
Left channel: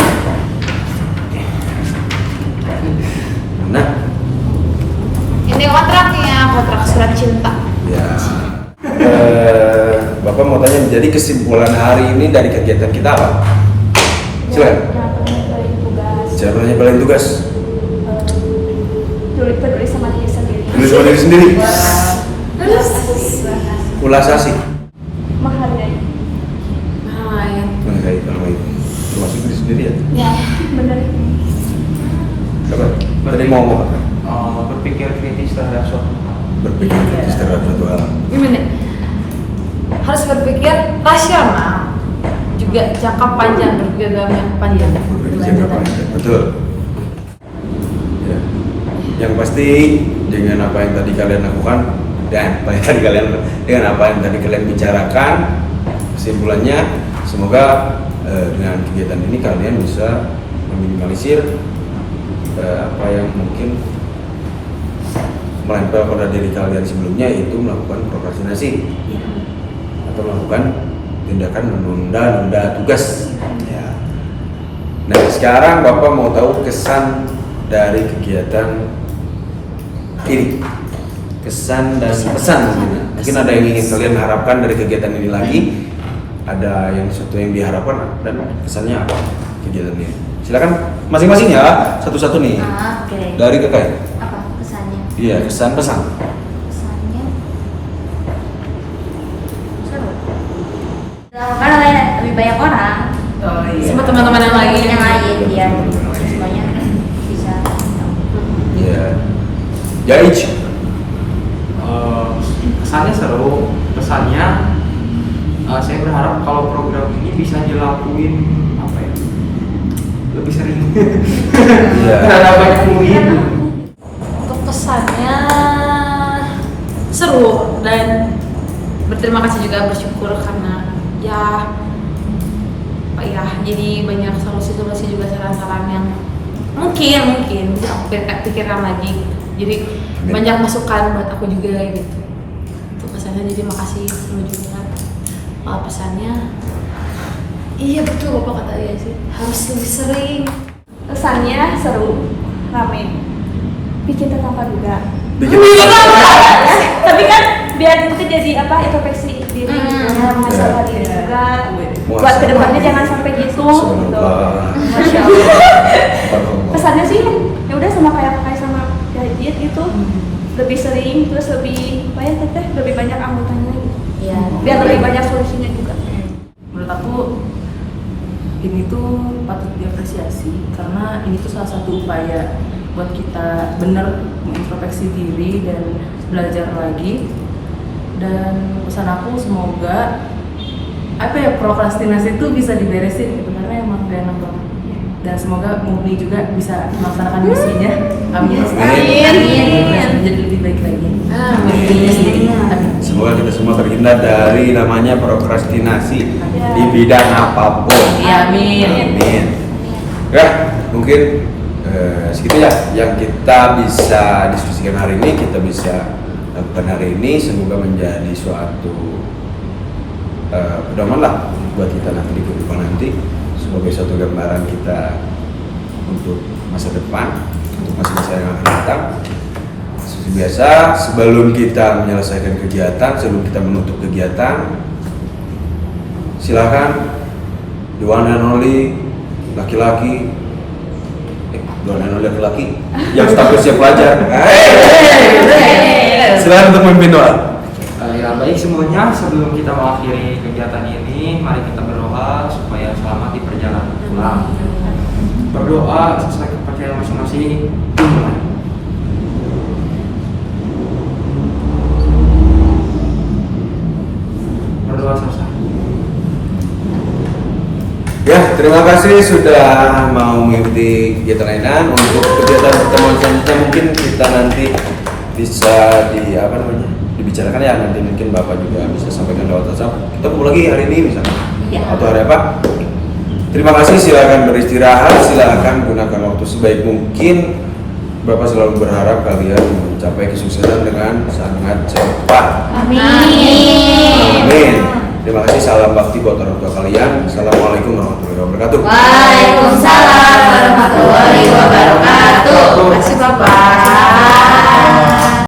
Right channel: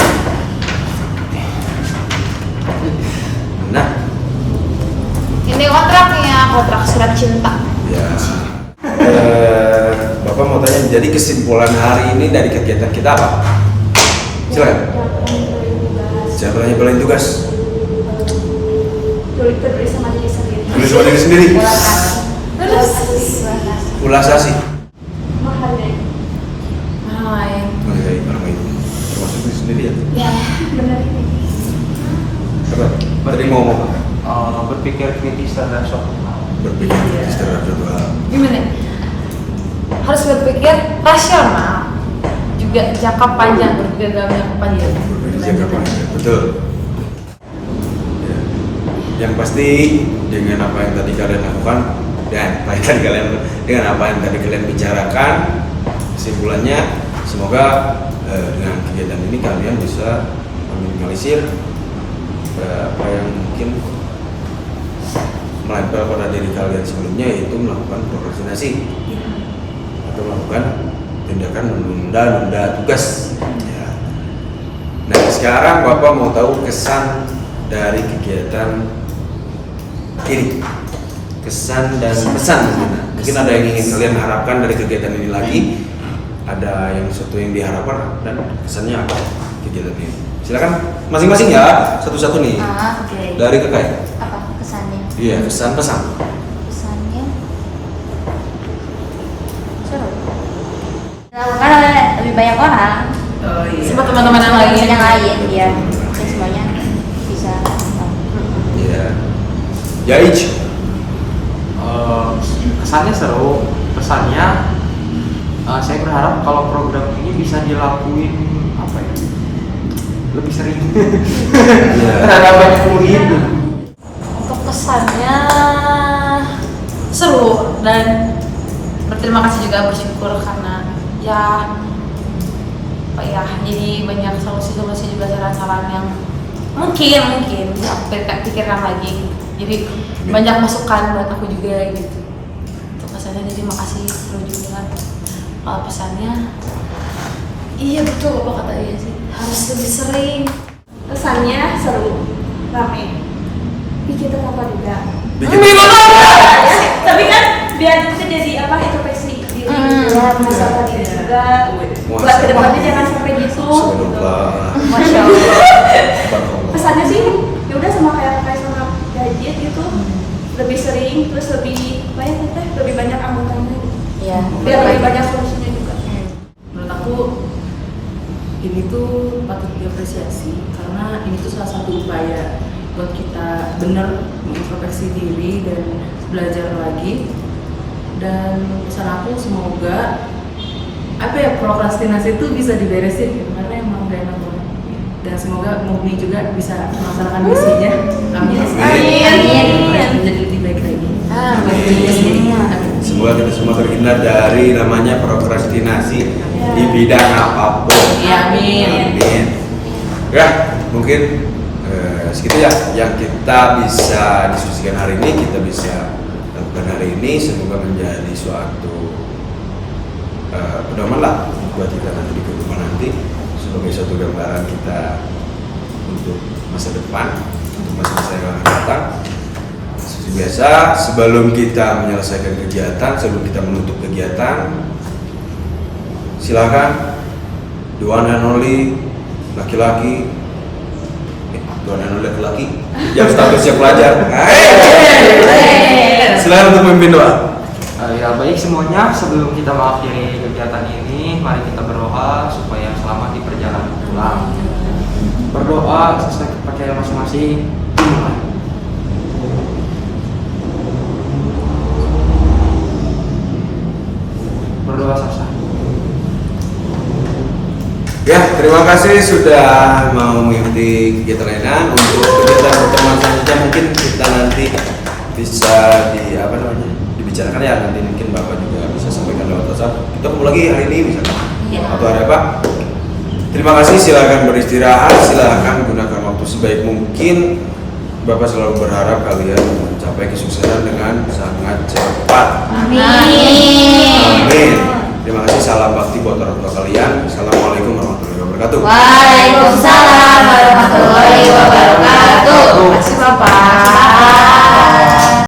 Nah, Ini kontraknya, kontrak surat cinta. ya. Bapak mau tanya, jadi kesimpulan hari ini dari kegiatan kita apa? Silakan. Caranya pelayan tugas. Tulis sama diri sendiri. Tulis sama diri sendiri. Terus? Ulasasi. Menghargai. Main. Menghargai orang lain. Termasuk diri sendiri ya. Ya, benar. Apa? Tadi mau ngomong apa? Berpikir kritis terhadap suatu hal. Berpikir kritis terhadap suatu hal. Gimana? Harus berpikir rasional. Juga jangka panjang, berpikir dalam jangka panjang. Berpikir jangka panjang, betul. Ya. Yang pasti dengan apa yang tadi kalian lakukan dan apa yang tadi kalian dengan apa yang tadi kalian bicarakan, kesimpulannya semoga dengan kegiatan ini kalian bisa meminimalisir apa yang mungkin melempel pada diri kalian sebelumnya, yaitu melakukan prokrastinasi atau melakukan tindakan menunda-nunda tugas. Ya. Nah sekarang Bapak mau tahu kesan dari kegiatan ini, kesan dan pesan mungkin ada yang ingin kalian harapkan dari kegiatan ini lagi, ada yang sesuatu yang diharapkan dan kesannya apa kegiatan ini. Silakan masing-masing ya, satu-satu nih. Oke. Dari Kakak. Apa pesannya? Iya, kesan pesan. Pesannya seru. Kan ada lebih banyak orang. Oh Sama teman-teman yang lain. Yang lain dia Teman-teman lain. semuanya bisa. Iya. Jaic. Kesannya seru, pesannya saya berharap kalau program ini bisa dilakuin apa ya, lebih sering. Iya. Terhadap banyak murid. Untuk pesannya seru dan berterima kasih juga, bersyukur karena ya apa ya, jadi banyak solusi-solusi juga, saran-saran yang mungkin bisa aku pikirkan lagi. Jadi banyak masukan buat aku juga gitu. Untuk pesannya jadi makasih, seru juga. Kalau pesannya iya betul Bapak kata ya sih, harus lebih sering. Pesannya seru, rame. Bikin tertawa juga. Bikin Tapi kan biar nanti jadi apa introspeksi diri gitu ya, masalah diri juga. Buat kedepannya jangan sampai gitu. Subhanallah. Masya Allah. Subhanallah. Pesannya sih ya udah sama kayak sama Gajit gitu, lebih sering terus lebih lebih banyak anggotanya. Iya. Biar lebih banyak solusinya juga. Menurut aku ini tuh patut diapresiasi karena ini tuh salah satu upaya buat kita benar mengintrospeksi diri dan belajar lagi. Dan pesan aku semoga apa ya, prokrastinasi itu bisa diberesin karena emang udah nambah. Dan semoga Mubi juga bisa melaksanakan misinya. Amin. Amin. Jadi lebih baik lagi. Amin. Semoga kita semua terhindar dari namanya prokrastinasi di bidang apapun. Ya, amin. Amin. Ya, mungkin segitu ya yang kita bisa diskusikan hari ini, kita bisa lakukan hari ini. Semoga menjadi suatu pedoman lah buat kita nanti di kehidupan nanti, sebagai suatu gambaran kita untuk masa depan, untuk masa-masa yang akan datang. Seperti biasa, sebelum kita menyelesaikan kegiatan, sebelum kita menutup kegiatan, silakan the one and only laki-laki, the one and only laki-laki yang stabil siap pelajar. Silakan untuk memimpin doa. Ya baik semuanya, sebelum kita mengakhiri kegiatan ini, mari kita berdoa supaya selamat di perjalanan pulang. Berdoa sesuai kepercayaan masing-masing. Berdoa sah-sah. Ya, terima kasih sudah mau mengikuti kegiatan layanan. Untuk kegiatan pertemuan selanjutnya mungkin kita nanti bisa dibicarakan ya, nanti mungkin Bapak juga bisa sampaikan lewat WhatsApp. Kita kumpul lagi hari ini misalnya. Atau hari apa? Terima kasih, silakan beristirahat, silakan gunakan waktu sebaik mungkin. Bapak selalu berharap kalian mencapai kesuksesan dengan sangat cepat. Amin. Terima kasih, salam bakti buat orang tua kalian. Assalamualaikum warahmatullahi wabarakatuh. Waalaikumsalam warahmatullahi wabarakatuh. Terima kasih Bapak.